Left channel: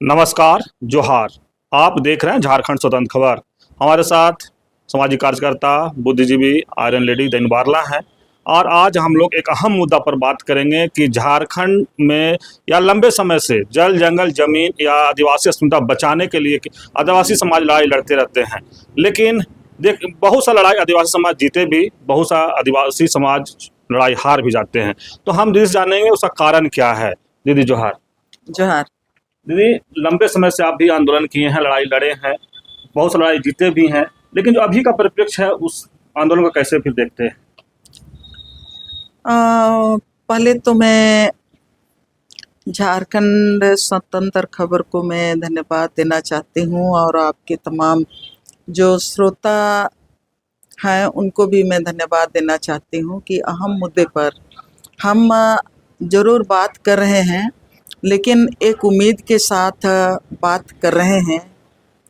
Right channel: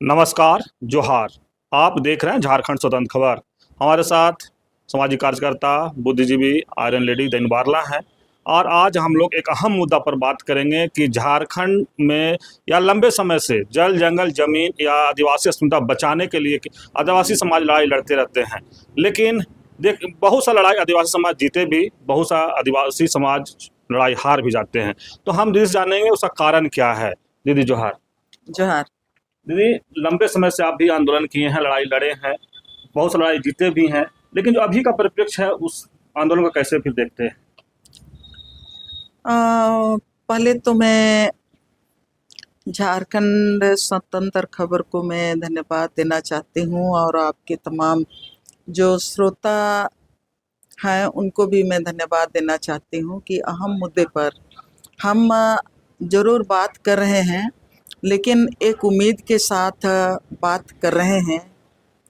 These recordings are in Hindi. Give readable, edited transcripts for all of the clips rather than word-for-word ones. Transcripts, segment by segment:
नमस्कार, जोहार। आप देख रहे हैं झारखंड स्वतंत्र खबर। हमारे साथ सामाजिक कार्यकर्ता, बुद्धिजीवी आयरन लेडी दैन बारला हैं। और आज हम लोग एक अहम मुद्दा पर बात करेंगे कि झारखंड में या लंबे समय से जल, जंगल, जमीन या आदिवासी अस्मिता बचाने के लिए आदिवासी समाज लड़ाई लड़ते रहते हैं। लेकिन देख, बहुत सा लड़ाई आदिवासी समाज जीते भी, बहुत सा आदिवासी समाज लड़ाई हार भी जाते हैं। तो हम दीदी से जानेंगे उसका कारण क्या है। दीदी जोहार। जोहार। दीदी, लंबे समय से आप भी आंदोलन किए हैं, लड़ाई लड़े हैं, बहुत सी लड़ाई जीते भी हैं। लेकिन जो अभी का परिप्रेक्ष्य है उस आंदोलन को कैसे फिर देखते हैं। पहले तो मैं झारखंड स्वतंत्र खबर को मैं धन्यवाद देना चाहती हूँ और आपके तमाम जो श्रोता हैं उनको भी मैं धन्यवाद देना चाहती हूँ कि अहम मुद्दे पर हम ज़रूर बात कर रहे हैं, लेकिन एक उम्मीद के साथ बात कर रहे हैं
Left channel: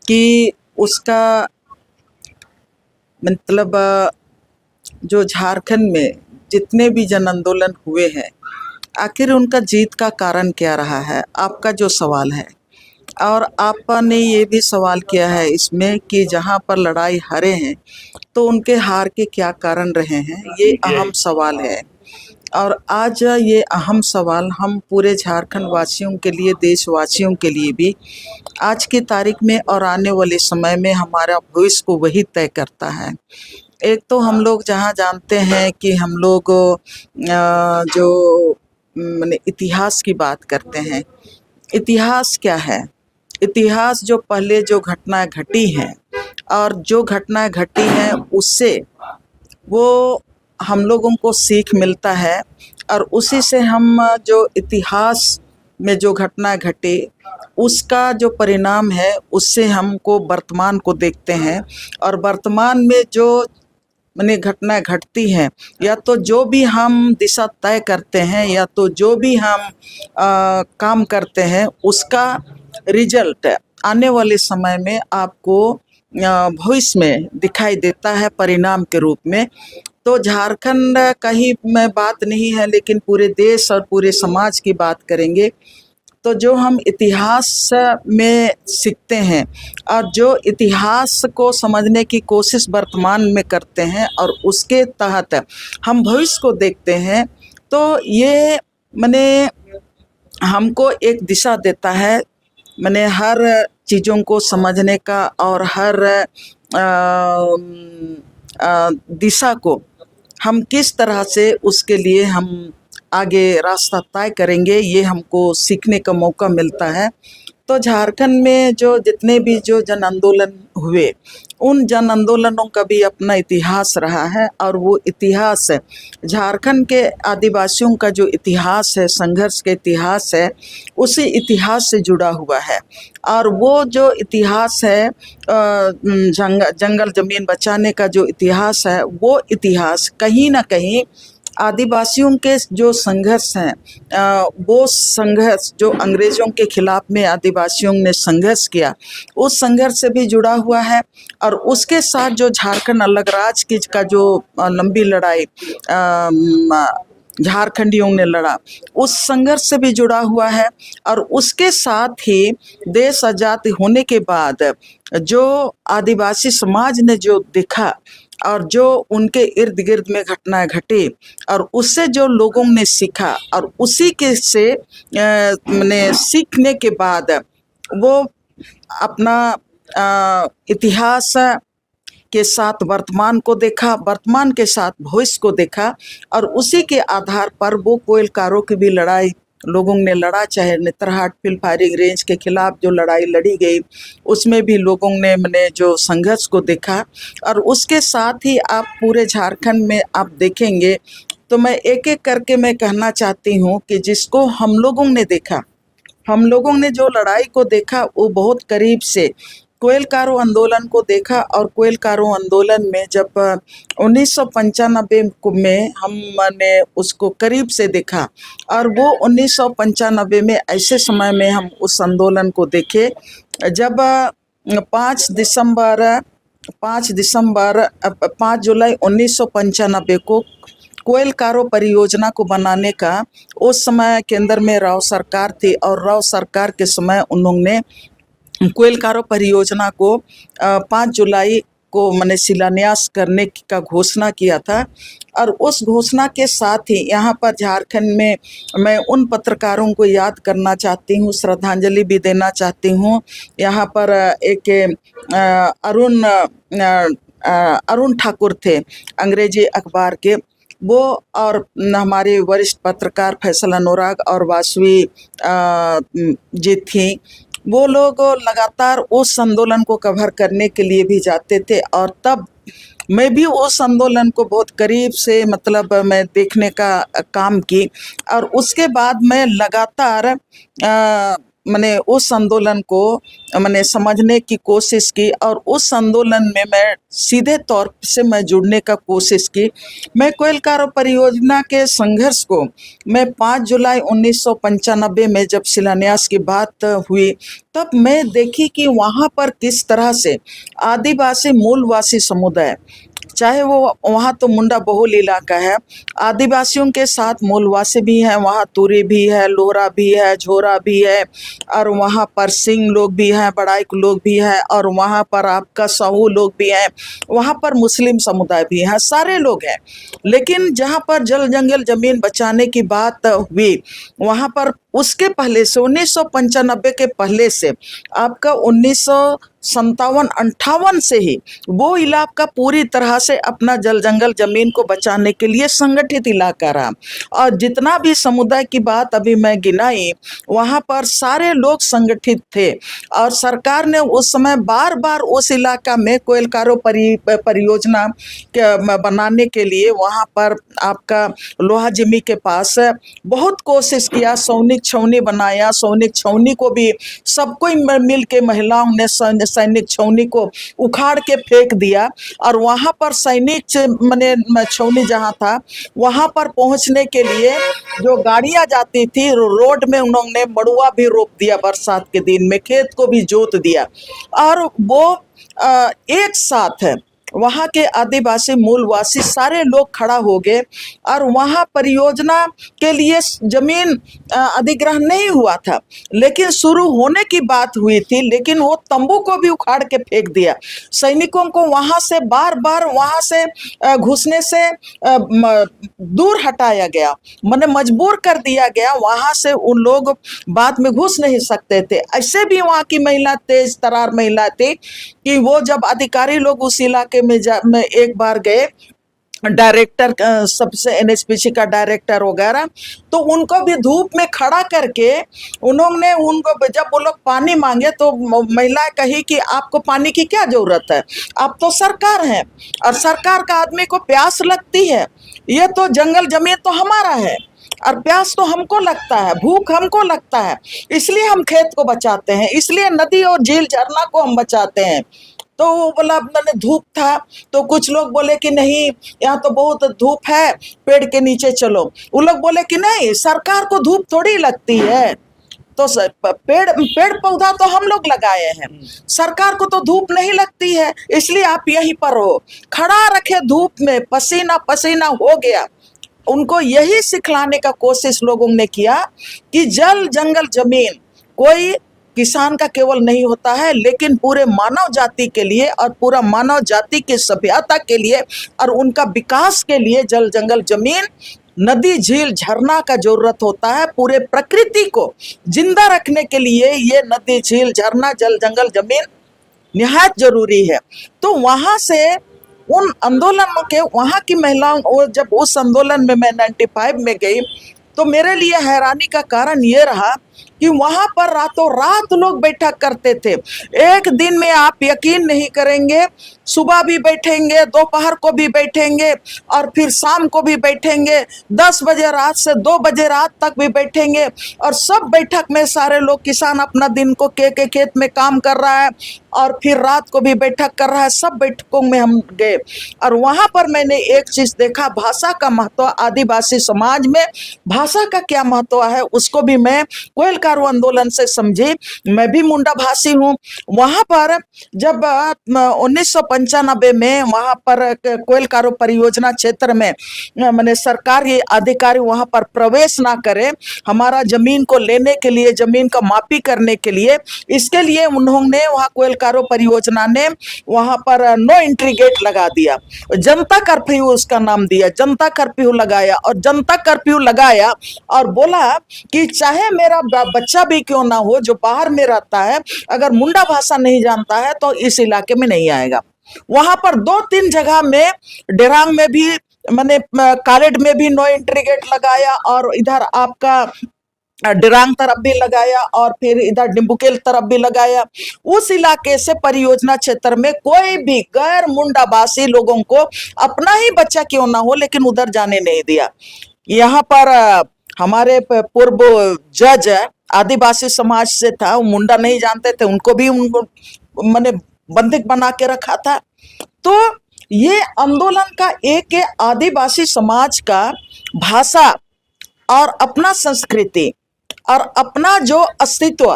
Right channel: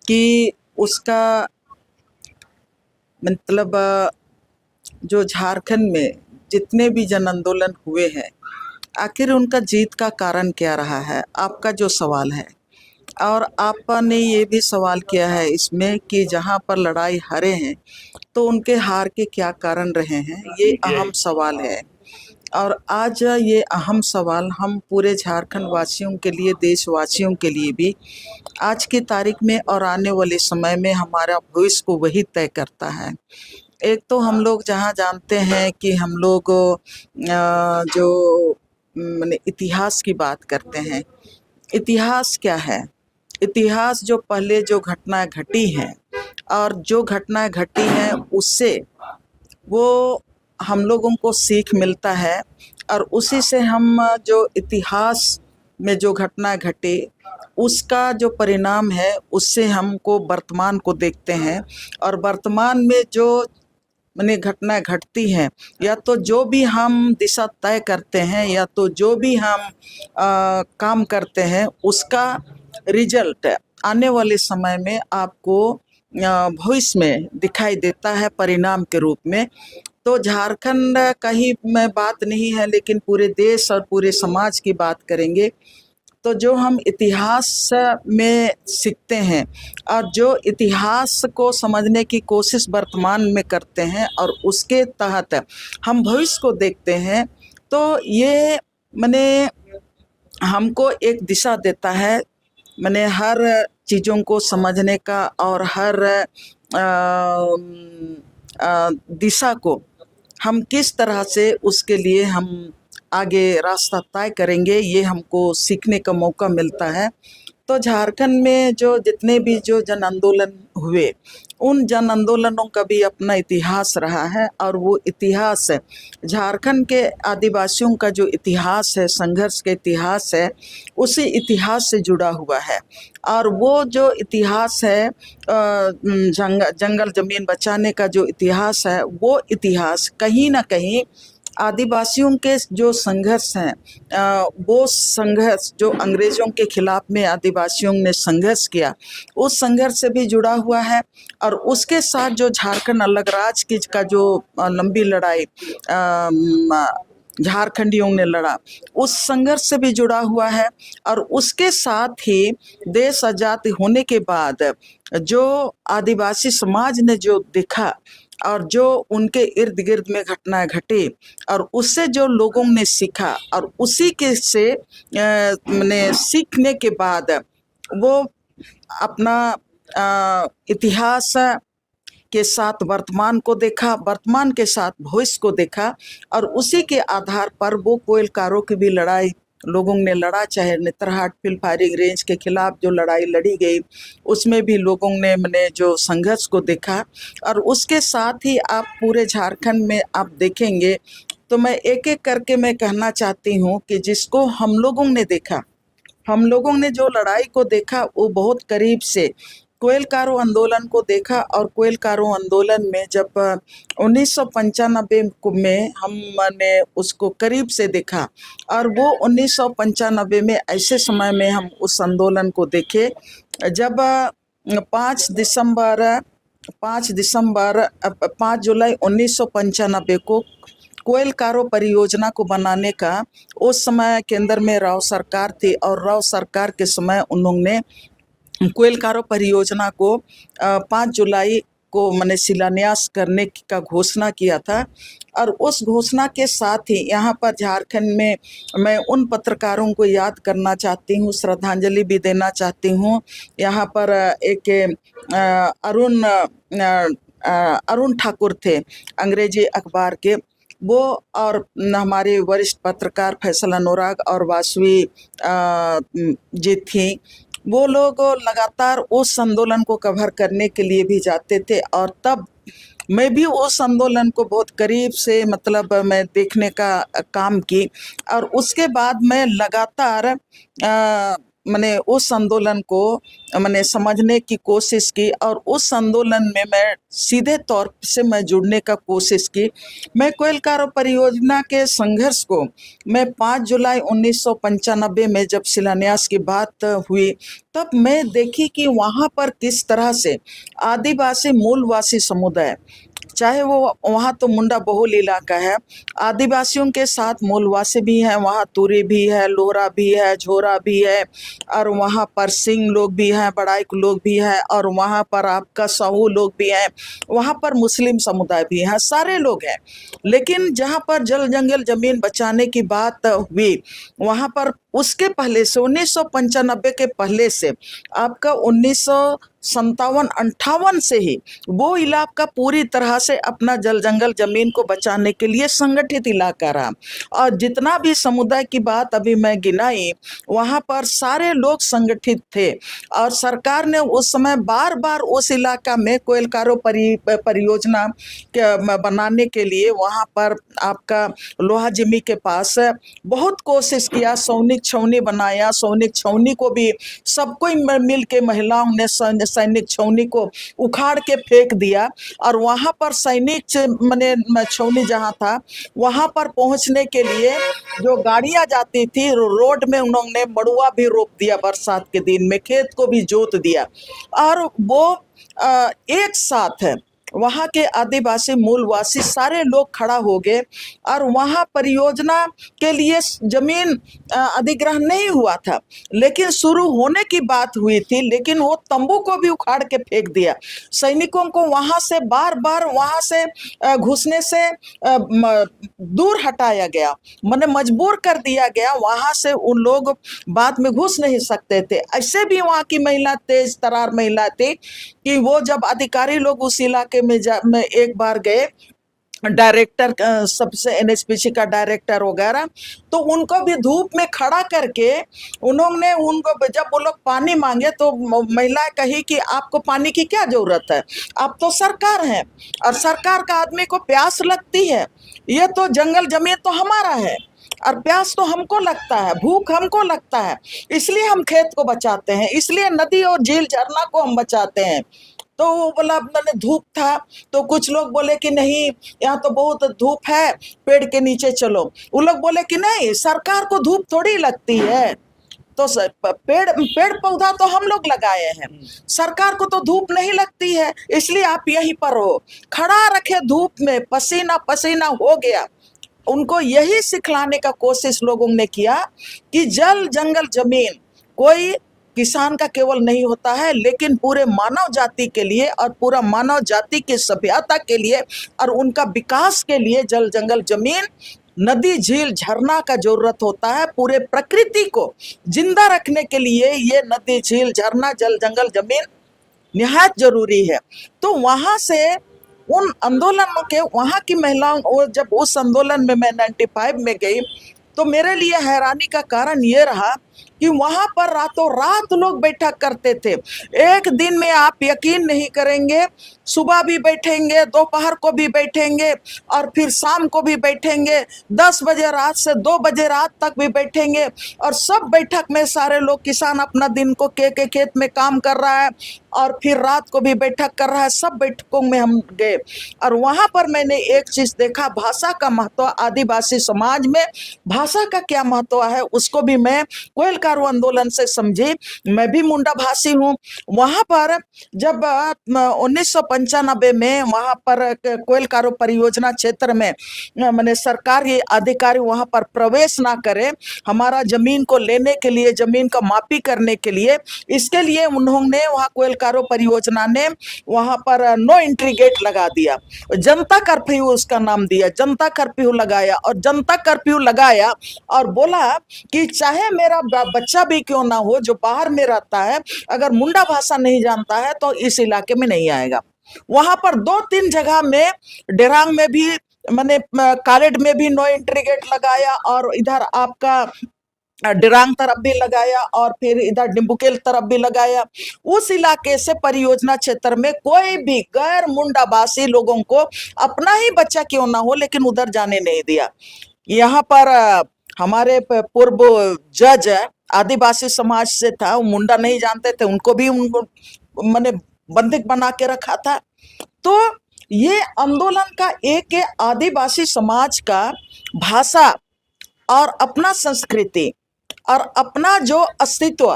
कि उसका मतलब जो झारखंड में जितने भी जन आंदोलन हुए हैं, आखिर उनका जीत का कारण क्या रहा है, आपका जो सवाल है। और आपने ये भी सवाल किया है इसमें कि जहाँ पर लड़ाई हारे हैं तो उनके हार के क्या कारण रहे हैं, ये अहम यही। सवाल है। और आज ये अहम सवाल हम पूरे झारखंड वासियों के लिए, देशवासियों के लिए भी आज की तारीख में और आने वाले समय में हमारा भविष्य को वही तय करता है। एक तो हम लोग जहाँ जानते हैं कि हम लोग जो माने इतिहास की बात करते हैं। इतिहास क्या है? इतिहास जो पहले जो घटनाएं घटी हैं और जो घटनाएं घटी हैं उससे वो हम लोगों को सीख मिलता है और उसी से हम जो इतिहास में जो घटना घटी उसका जो परिणाम है उससे हमको वर्तमान को देखते हैं। और वर्तमान में जो माने घटनाएं घटती हैं, या तो जो भी हम दिशा तय करते हैं या तो जो भी हम काम करते हैं उसका रिजल्ट आने वाले समय में आपको भविष्य में दिखाई देता है परिणाम के रूप में। तो झारखंड का ही मैं बात नहीं है, लेकिन पूरे देश और पूरे समाज की बात करेंगे तो जो हम इतिहास में सीखते हैं और जो इतिहास को समझने की कोशिश वर्तमान में करते हैं और उसके तहत हम भविष्य को देखते हैं, तो ये माने हमको एक दिशा देता है, माने हर चीज़ों को समझने का और हर दिशा को हम किस तरह से उसके लिए हम आगे रास्ता तय करेंगे, ये हमको सीखने का मौका मिलता है। तो झारखंड में जो जितने भी जो जन आंदोलन हुए, उन जन आंदोलनों का भी अपना इतिहास रहा है और वो इतिहास झारखंड के आदिवासियों का जो इतिहास है, संघर्ष के इतिहास है, उसी इतिहास से जुड़ा हुआ है। और वो जो इतिहास है जंगल ज़मीन बचाने का जो इतिहास है, वो इतिहास कहीं ना कहीं आदिवासियों के जो संघर्ष हैं, वो संघर्ष जो अंग्रेज़ों के खिलाफ में आदिवासियों ने संघर्ष किया, उस संघर्ष से भी जुड़ा हुआ है। और उसके साथ जो झारखंड अलग राज्य की का जो लंबी लड़ाई झारखंडियों ने लड़ा, उस संघर्ष से भी जुड़ा हुआ है। और उसके साथ ही देश आज़ाद होने के बाद जो आदिवासी समाज ने जो देखा और जो उनके इर्द गिर्द में घटनाएं घटी और उससे जो लोगों ने सीखा और उसी के से मैंने सीखने के बाद वो अपना इतिहास के साथ वर्तमान को देखा, वर्तमान के साथ भविष्य को देखा। और उसी के आधार पर वो कोयलकारों की भी लड़ाई लोगों ने लड़ा, चाहे नेतरहाट फील्ड फायरिंग रेंज के खिलाफ जो लड़ाई लड़ी गई उसमें भी लोगों ने मैंने जो संघर्ष को देखा। और उसके साथ ही आप पूरे झारखंड में आप देखेंगे तो मैं एक एक करके मैं कहना चाहती हूँ कि जिसको हम लोगों ने देखा, हम लोगों ने जो लड़ाई को देखा वो बहुत करीब से कोयलकारों आंदोलन को देखा। और कोयलकारों आंदोलन में जब 1995 में हमने उसको करीब से देखा, और वो 1995 में ऐसे समय में हम उस आंदोलन को देखे जब 5 जुलाई 1995 को कोयल कारो परियोजना को बनाने का उस समय केंद्र में राव सरकार थी और राव सरकार के समय उन्होंने कोयल कारो परियोजना को 5 जुलाई को मैंने शिलान्यास करने का घोषणा किया था। और उस घोषणा के साथ ही यहाँ पर झारखंड में मैं उन पत्रकारों को याद करना चाहती हूँ, श्रद्धांजलि भी देना चाहती हूँ। यहाँ पर एक अरुण ठाकुर थे अंग्रेजी अखबार के, वो और हमारे वरिष्ठ पत्रकार फैसल अनुराग और वासवी जी थी। वो लोग लगातार उस आंदोलन को कवर करने के लिए भी जाते थे और तब मैं भी उस आंदोलन को बहुत करीब से मतलब मैं देखने का काम की। और उसके बाद मैं लगातार मैंने उस आंदोलन को मैंने समझने की कोशिश की और उस आंदोलन में मैं सीधे तौर से मैं जुड़ने का कोशिश की। मैं कोयल कारो परियोजना के संघर्ष को मैं 5 जुलाई 1995 में जब शिलान्यास की बात हुई तब मैं देखी कि वहाँ पर किस तरह से आदिवासी मूलवासी समुदाय, चाहे वो वहाँ तो मुंडा बहुल इलाका है, आदिवासियों के साथ मूलवासी भी हैं, वहाँ तुरी भी है, लोहरा भी है, झोरा भी है और वहाँ पर सिंह लोग भी हैं, बड़ाइक लोग भी हैं और वहाँ पर आपका साहू लोग भी हैं, वहाँ पर मुस्लिम समुदाय भी हैं, सारे लोग हैं। लेकिन जहाँ पर जल जंगल जमीन बचाने की बात हुई वहाँ पर उसके पहले से 1995 के पहले से आपका 1957-58 से ही वो इलाका पूरी तरह से अपना जल जंगल जमीन को बचाने के लिए संगठित इलाका रहा। और जितना भी समुदाय की बात अभी मैं गिनाई वहाँ पर सारे लोग संगठित थे और सरकार ने उस समय बार बार उस इलाका में कोयल कारो परियोजना बनाने के लिए वहाँ पर आपका लोहा जिमी के पास बहुत कोशिश किया, सैनिक छावनी बनाया। सैनिक छावनी को भी सबको मिल के महिलाओं ने सैनिक छावनी को उखाड़ के फेंक दिया और वहाँ पर सैनिक मैंने छावनी जहाँ था वहाँ पर पहुँचने के लिए जो गाड़ियाँ जाती थी रोड में उन्होंने मड़ुआ भी रोप दिया, बरसात के दिन में खेत को भी जोत दिया और वो एक साथ है वहाँ के आदिवासी मूलवासी सारे लोग खड़ा हो गए और वहाँ परियोजना के लिए जमीन अधिग्रहण नहीं हुआ था लेकिन शुरू होने की बात हुई थी, लेकिन वो तंबू को भी उखाड़ के फेंक दिया। सैनिकों को वहाँ से बार बार वहाँ से घुसने से दूर हटाया गया, मैंने मजबूर कर दिया गया, वहाँ से उन लोग बाद में घुस नहीं सकते थे। ऐसे भी वहाँ की महिला तेज तरार महिला थी कि वो जब अधिकारी लोग उस इलाके में एक बार गए, डायरेक्टर सबसे एनएचपीसी का डायरेक्टर वगैरह, तो उनको भी धूप में खड़ा करके उन्होंने उनको जब वो लोग पानी मांगे तो महिलाएं कही कि आपको पानी की क्या जरूरत है, आप तो सरकार हैं और सरकार का आदमी को प्यास लगती है, ये तो जंगल जमीन तो हमारा है और प्यास तो हमको लगता है, भूख हमको लगता है, इसलिए हम खेत को बचाते हैं, इसलिए नदी और झील झरना को हम बचाते हैं। तो वो बोला मैंने धूप था तो कुछ लोग बोले कि नहीं यहाँ तो बहुत धूप है, पेड़ के नीचे चलो। वो लोग बोले कि नहीं सरकार को धूप थोड़ी लगती है, तो पेड़ पौधा तो हम लोग लगाए हैं, सरकार को तो धूप नहीं लगती है, इसलिए आप यहीं पर हो। खड़ा रखे धूप में, पसीना पसीना हो गया। उनको यही सिखलाने का कोशिश लोगों ने किया कि जल जंगल जमीन कोई किसान का केवल नहीं होता है लेकिन पूरे मानव जाति के लिए और पूरा मानव जाति की सभ्यता के लिए और उनका विकास के लिए जल जंगल जमीन नदी झील झरना का जरूरत होता है। पूरे प्रकृति को जिंदा रखने के लिए ये नदी झील झरना जल जंगल जमीन निहायत जरूरी है। तो वहां से उन आंदोलनों के वहां की महिलाओं, जब उस आंदोलन में मैं 95 में गई तो मेरे लिए हैरानी का कारण ये रहा कि वहां पर रातों रात लोग बैठक करते थे। एक दिन में आप यकीन नहीं करेंगे, सुबह भी बैठेंगे, दोपहर को भी बैठेंगे और फिर शाम को भी बैठेंगे, 10 बजे रात से 2 बजे रात तक भी बैठेंगे और सब बैठक में सारे लोग, किसान अपना दिन को के खेत में काम कर रहा है और फिर रात को भी बैठक कर रहा है। सब बैठकों में हम गए और वहां पर मैंने एक चीज देखा, भाषा का महत्व। आदिवासी समाज में भाषा का क्या महत्व है उसको भी मैं कोयल कारो आंदोलन से समझी, मैं भी मुंडा भाषी हूँ। वहां पर जब 1995 में वहां पर कोयल कारो परियोजना क्षेत्र में मैंने सरकारी अधिकारी वहां पर प्रवेश ना करे, हमारा जमीन को लेने के लिए, जमीन का मापी करने के लिए, इसके लिए उन्होंने वहां कोयल कारो परियोजना ने वहां पर नो एंट्री गेट लगा दिया, जनता कर्फ्यू उसका नाम दिया, जनता कर्फ्यू लगाया। और जनता कर्फ्यू लगाया और बोला कि चाहे मेरा बच्चा भी क्यों ना हो जो बाहर में रहता है, अगर मुंडा भाषा नहीं जानता है तो इस इलाके में नहीं आएगा। वहां पर 2-3 जगह में, डेरांग में भी मैंने, कालेड में भी नो एंट्री गेट लगाया, और इधर आपका डिरांग तरफ भी लगाया, और फिर इधर डिम्बुकेल तरफ भी लगाया। उस इलाके से परियोजना क्षेत्र में कोई भी गैर मुंडाभाषी लोगों को, अपना ही बच्चा क्यों ना हो, लेकिन उधर जाने नहीं दिया। यहाँ पर हमारे पूर्व जज आदिवासी समाज से था, वो मुंडा नहीं जानते थे, उनको भी उनको मैंने बंधक बना के रखा था। तो ये आंदोलन का एक आदिवासी समाज का भाषा और अपना संस्कृति और अपना जो अस्तित्व,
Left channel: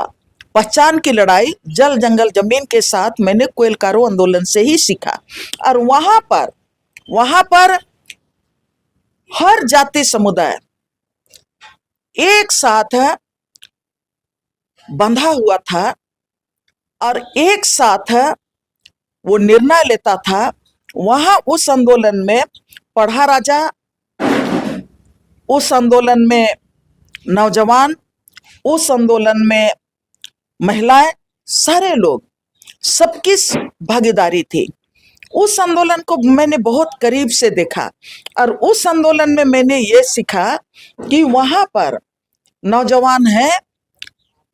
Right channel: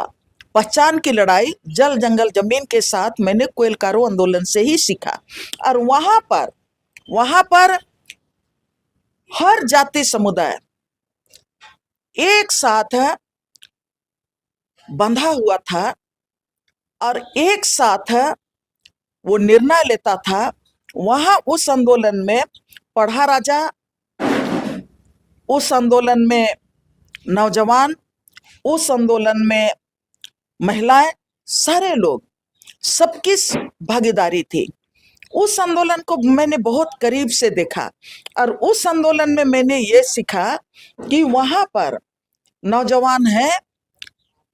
पहचान की लड़ाई जल जंगल जमीन के साथ मैंने कोयल कारो आंदोलन से ही सीखा। और वहां पर हर जाति समुदाय एक साथ बंधा हुआ था और एक साथ वो निर्णय लेता था। वहां उस आंदोलन में पढ़ा राजा, उस आंदोलन में नौजवान, उस आंदोलन में महिलाएं, सारे लोग, सबकी भागीदारी थी। उस आंदोलन को मैंने बहुत करीब से देखा और उस आंदोलन में मैंने ये सीखा कि वहां पर नौजवान है,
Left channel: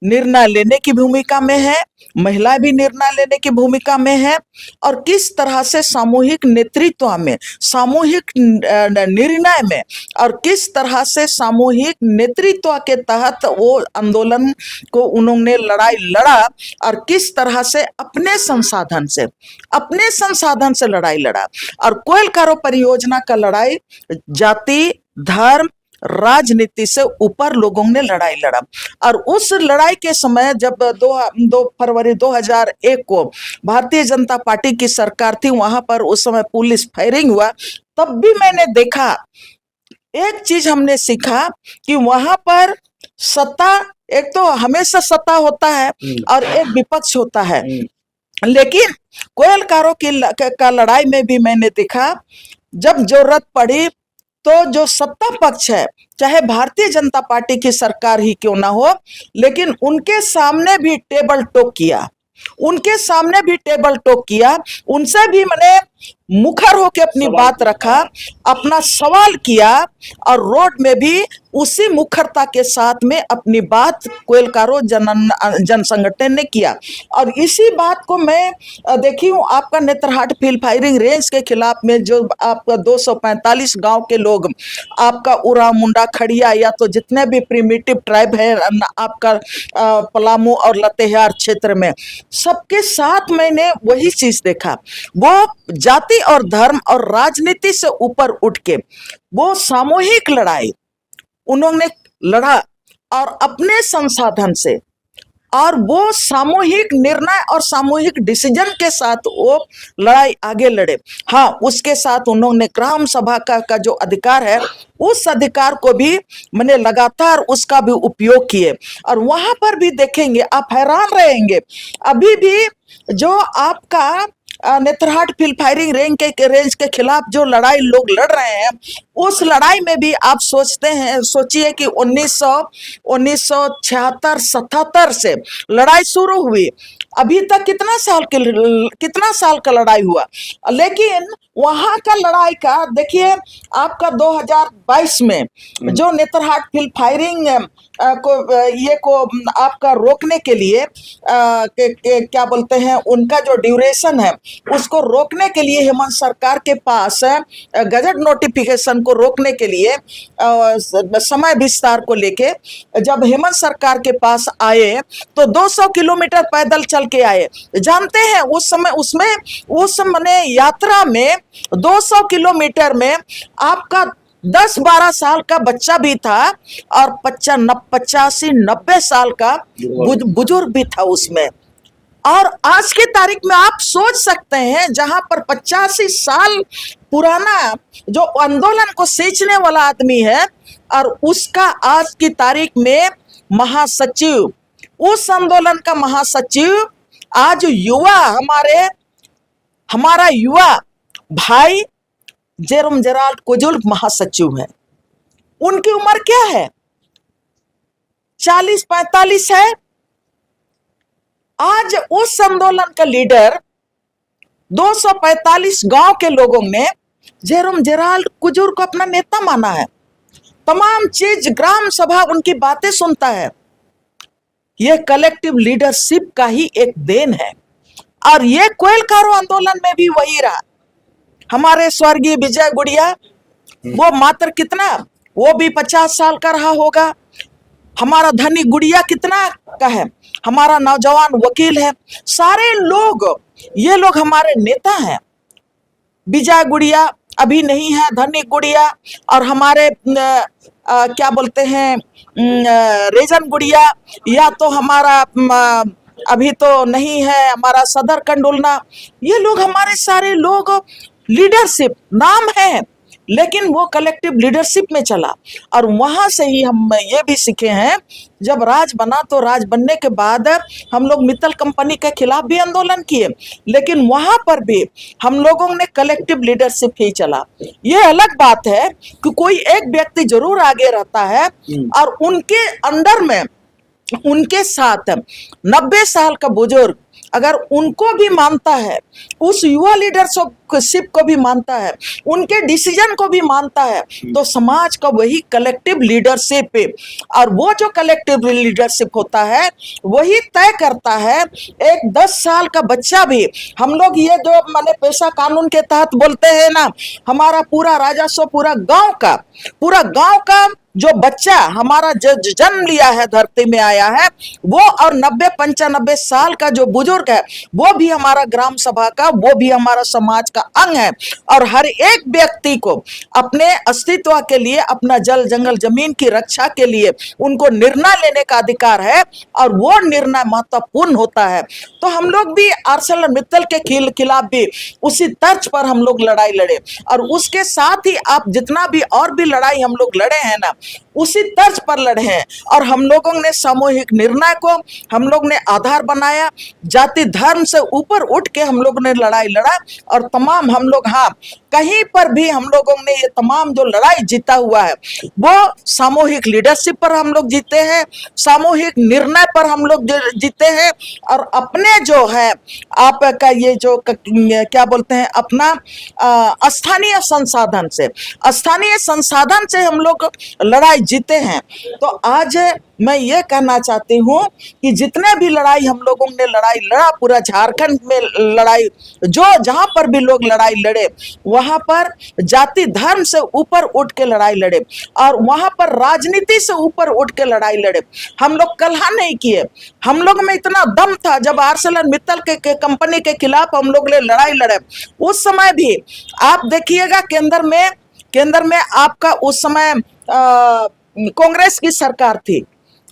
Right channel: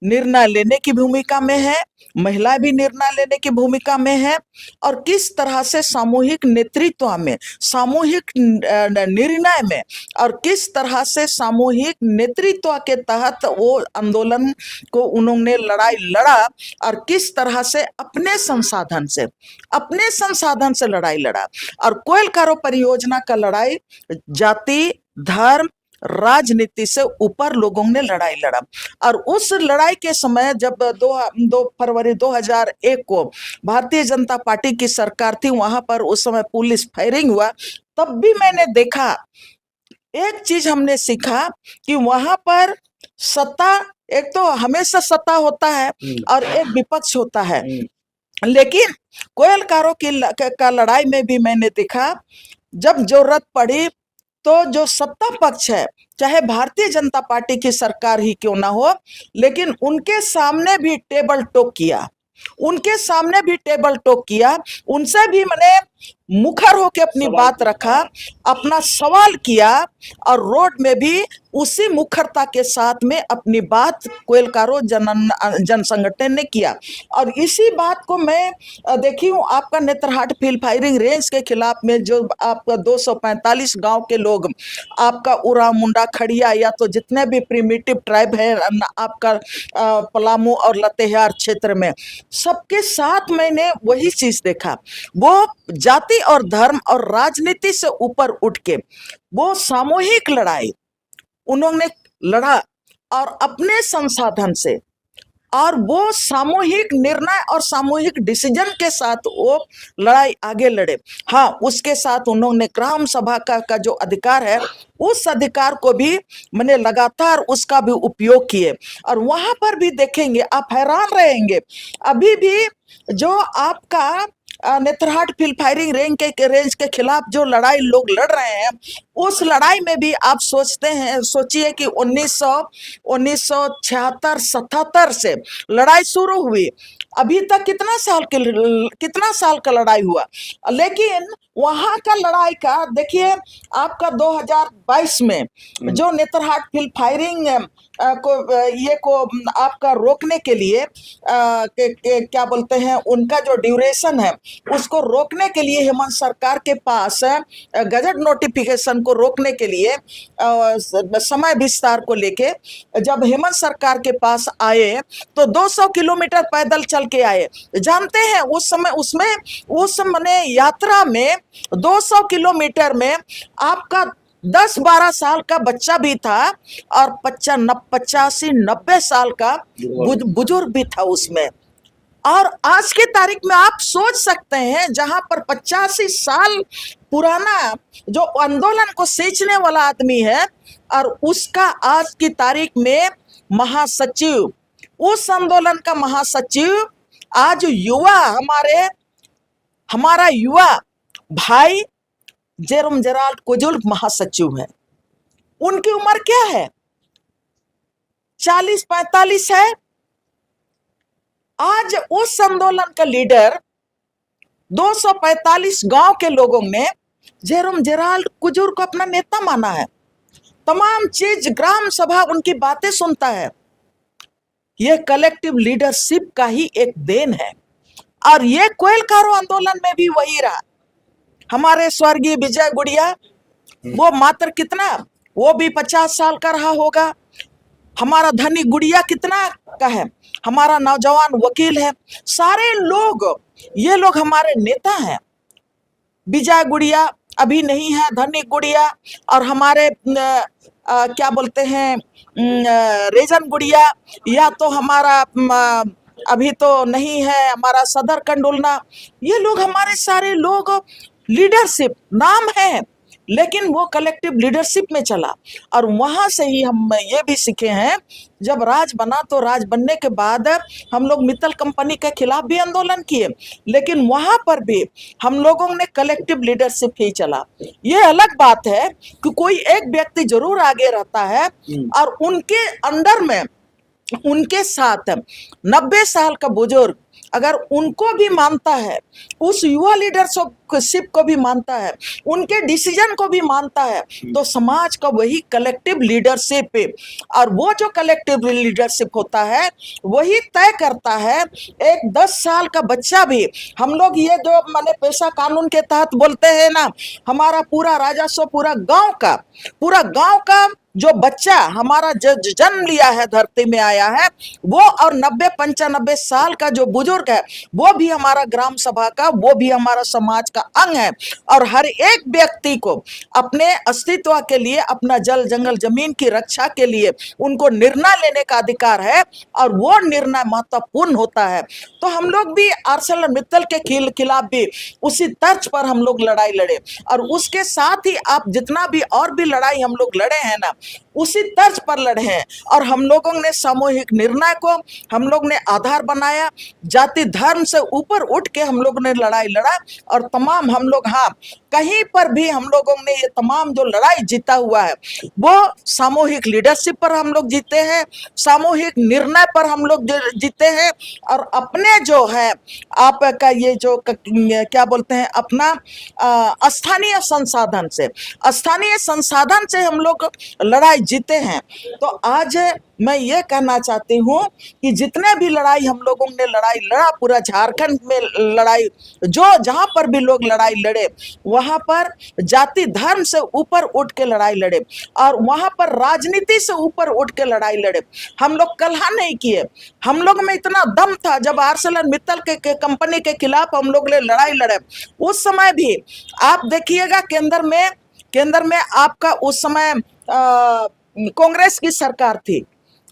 निर्णय लेने की भूमिका में है, महिलाएं भी निर्णय लेने की भूमिका में है, और किस तरह से सामूहिक नेतृत्व में, सामूहिक निर्णय में, और किस तरह से सामूहिक नेतृत्व के तहत वो आंदोलन को उन्होंने लड़ाई लड़ा, और किस तरह से अपने संसाधन से लड़ाई लड़ा। और कोयल कारो परियोजना का लड़ाई जाति, धर्म, राजनीति से ऊपर लोगों ने लड़ाई लड़ा। और उस लड़ाई के समय जब 2 फरवरी 2001 को भारतीय जनता पार्टी की सरकार थी, वहां पर उस समय पुलिस फायरिंग हुआ, तब भी मैंने देखा, एक चीज हमने सीखा कि वहां पर सत्ता, एक तो हमेशा सत्ता होता है और एक विपक्ष होता है, लेकिन कोयल कारो का लड़ाई में भी मैंने देखा, जब जरूरत पड़ी तो जो सत्ता पक्ष है, चाहे भारतीय जनता पार्टी की सरकार ही क्यों ना हो, लेकिन उनके सामने भी टेबल टॉक किया, उनसे भी मैंने मुखर होकर अपनी बात रखा, अपना सवाल किया, और रोड में भी उसी मुखरता के साथ में अपनी बात कोयल कारो जन संगठन ने किया। और इसी बात को मैं देखी हूँ आपका नेतरहाट फील्ड फायरिंग रेंज के खिलाफ में, जो आपका 245 गांव के लोग, आपका उरा, मुंडा, खड़िया, या तो जितने भी प्रिमिटिव ट्राइब है आपका पलामू और लतेहार क्षेत्र में, सबके साथ मैंने वही चीज देखा। वो जाति और धर्म और राजनीति से ऊपर उठ के वो सामूहिक लड़ाई उन्होंने लड़ा, और अपने संसाधन से, और वो सामूहिक निर्णय और सामूहिक डिसीजन के साथ वो लड़ाई आगे लड़े। हाँ, उसके साथ उन्होंने ग्राम सभा का जो अधिकार है, उस अधिकार को भी मैंने लगातार उसका भी उपयोग किए। और वहां पर भी देखेंगे, आप हैरान रहेंगे, अभी भी जो आपका नेतरहाट फील्ड फायरिंग रेंज के खिलाफ जो लड़ाई लोग लड़ रहे हैं, उस लड़ाई में भी आप सोचिए कि 1976-77 से लड़ाई शुरू हुई, अभी तक कितना साल का लड़ाई हुआ। लेकिन वहां का लड़ाई का देखिए, आपका 2022 में जो नेतरहाट फील्ड फायरिंग को आपका रोकने के लिए क्या बोलते हैं, उनका जो ड्यूरेशन है उसको रोकने के लिए हेमंत सरकार के पास गजट नोटिफिकेशन को रोकने के लिए समय विस्तार को लेके जब हेमंत सरकार के पास आए तो 200 किलोमीटर पैदल चल के आए। जानते हैं उस समय यात्रा में 200 किलोमीटर में आपका 10-12 साल का बच्चा भी था और 85-90 साल का बुजुर्ग भी था उसमें। और आज के तारीख में आप सोच सकते हैं, जहां पर 85 साल पुराना जो आंदोलन को सींचने वाला आदमी है और उसका आज की तारीख में महासचिव, उस आंदोलन का महासचिव आज युवा हमारा युवा भाई जेरोम जेराल्ड कुजुल्फ महासचिव है। उनकी उम्र क्या है? 40-45 है। आज उस आंदोलन का लीडर 245 गांव के लोगों ने जेरोम जेराल्ड कुजुल्फ को अपना नेता माना है। तमाम चीज ग्राम सभा उनकी बातें सुनता है। यह कलेक्टिव लीडरशिप का ही एक देन है। और ये कोयलकारो आंदोलन में भी वही रहा। हमारे स्वर्गीय विजय गुड़िया, वो मात्र कितना, वो भी 50 साल का रहा होगा। हमारा धनी गुड़िया कितना का है, हमारा नौजवान वकील है। सारे लोग, ये लोग हमारे नेता हैं। विजय गुड़िया अभी नहीं है, धनी गुड़िया और हमारे क्या बोलते हैं रेजन गुड़िया, या तो हमारा अभी तो नहीं है हमारा सदर कंडुलना। ये लोग हमारे सारे लोग लीडरशिप नाम है, लेकिन वो कलेक्टिव लीडरशिप में चला। और वहां से ही हम ये भी सीखे हैं, जब राज बना तो राज बनने के बाद हम लोग मित्तल कंपनी के खिलाफ भी आंदोलन किए, लेकिन वहां पर भी हम लोगों ने कलेक्टिव लीडरशिप ही चला। ये अलग बात है कि कोई एक व्यक्ति जरूर आगे रहता है और उनके अंडर में, उनके साथ 90 साल का बुजुर्ग अगर उनको भी मानता है, उस युवा लीडरशिप को भी मानता है, उनके डिसीजन को भी मानता है, तो समाज का वही कलेक्टिव लीडरशिप है। और वो जो कलेक्टिव लीडरशिप होता है वही तय करता है। एक 10 साल का बच्चा भी, हम लोग ये जो माने पेशा कानून के तहत बोलते हैं ना, हमारा पूरा राजस्व पूरा गांव का जो बच्चा हमारा जन्म लिया है, धरती में आया है, वो और 90-95 साल का जो बुजुर्ग है, वो भी हमारा ग्राम सभा का, वो भी हमारा समाज का अंग है। और हर एक व्यक्ति को अपने अस्तित्व के लिए, अपना जल जंगल जमीन की रक्षा के लिए उनको निर्णय लेने का अधिकार है, और वो निर्णय महत्वपूर्ण होता है। तो हम लोग भी आर्सेलरमित्तल के खिलाफ भी उसी तर्ज पर हम लोग लड़ाई लड़े, और उसके साथ ही आप जितना भी और भी लड़ाई हम लोग लड़े हैं ना, उसी तर्ज पर लड़े हैं। और हम लोगों ने सामूहिक निर्णय को हम लोग ने आधार बनाया, जाति धर्म से ऊपर उठ के हम लोग ने लड़ाई लड़ा। और तमाम हम लोग, हाँ, कहीं पर भी हम लोगों ने ये तमाम जो लड़ाई जीता हुआ है वो सामूहिक लीडरशिप पर हम लोग जीते हैं, सामूहिक निर्णय पर हम लोग जीते हैं। और अपने जो है आपका ये जो क्या बोलते हैं, अपना स्थानीय संसाधन से हम लोग लड़ाई जीते हैं। तो आज मैं ये कहना चाहती हूँ कि जितने भी लड़ाई हम लोगों ने लड़ाई लड़ा, पूरा झारखंड में लड़ाई, जो जहां पर भी लोग लड़ाई लड़े, वहां पर जाति धर्म से ऊपर उठ के लड़ाई लड़े, और वहां पर राजनीति से ऊपर उठ के लड़ाई लड़े। हम लोग कलह नहीं किए। हम लोग में इतना दम था, जब आर्सेलरमित्तल के कंपनी के खिलाफ हम लोग ने लड़ाई लड़े, उस समय भी आप देखिएगा केंद्र में आपका उस समय कांग्रेस की सरकार थी।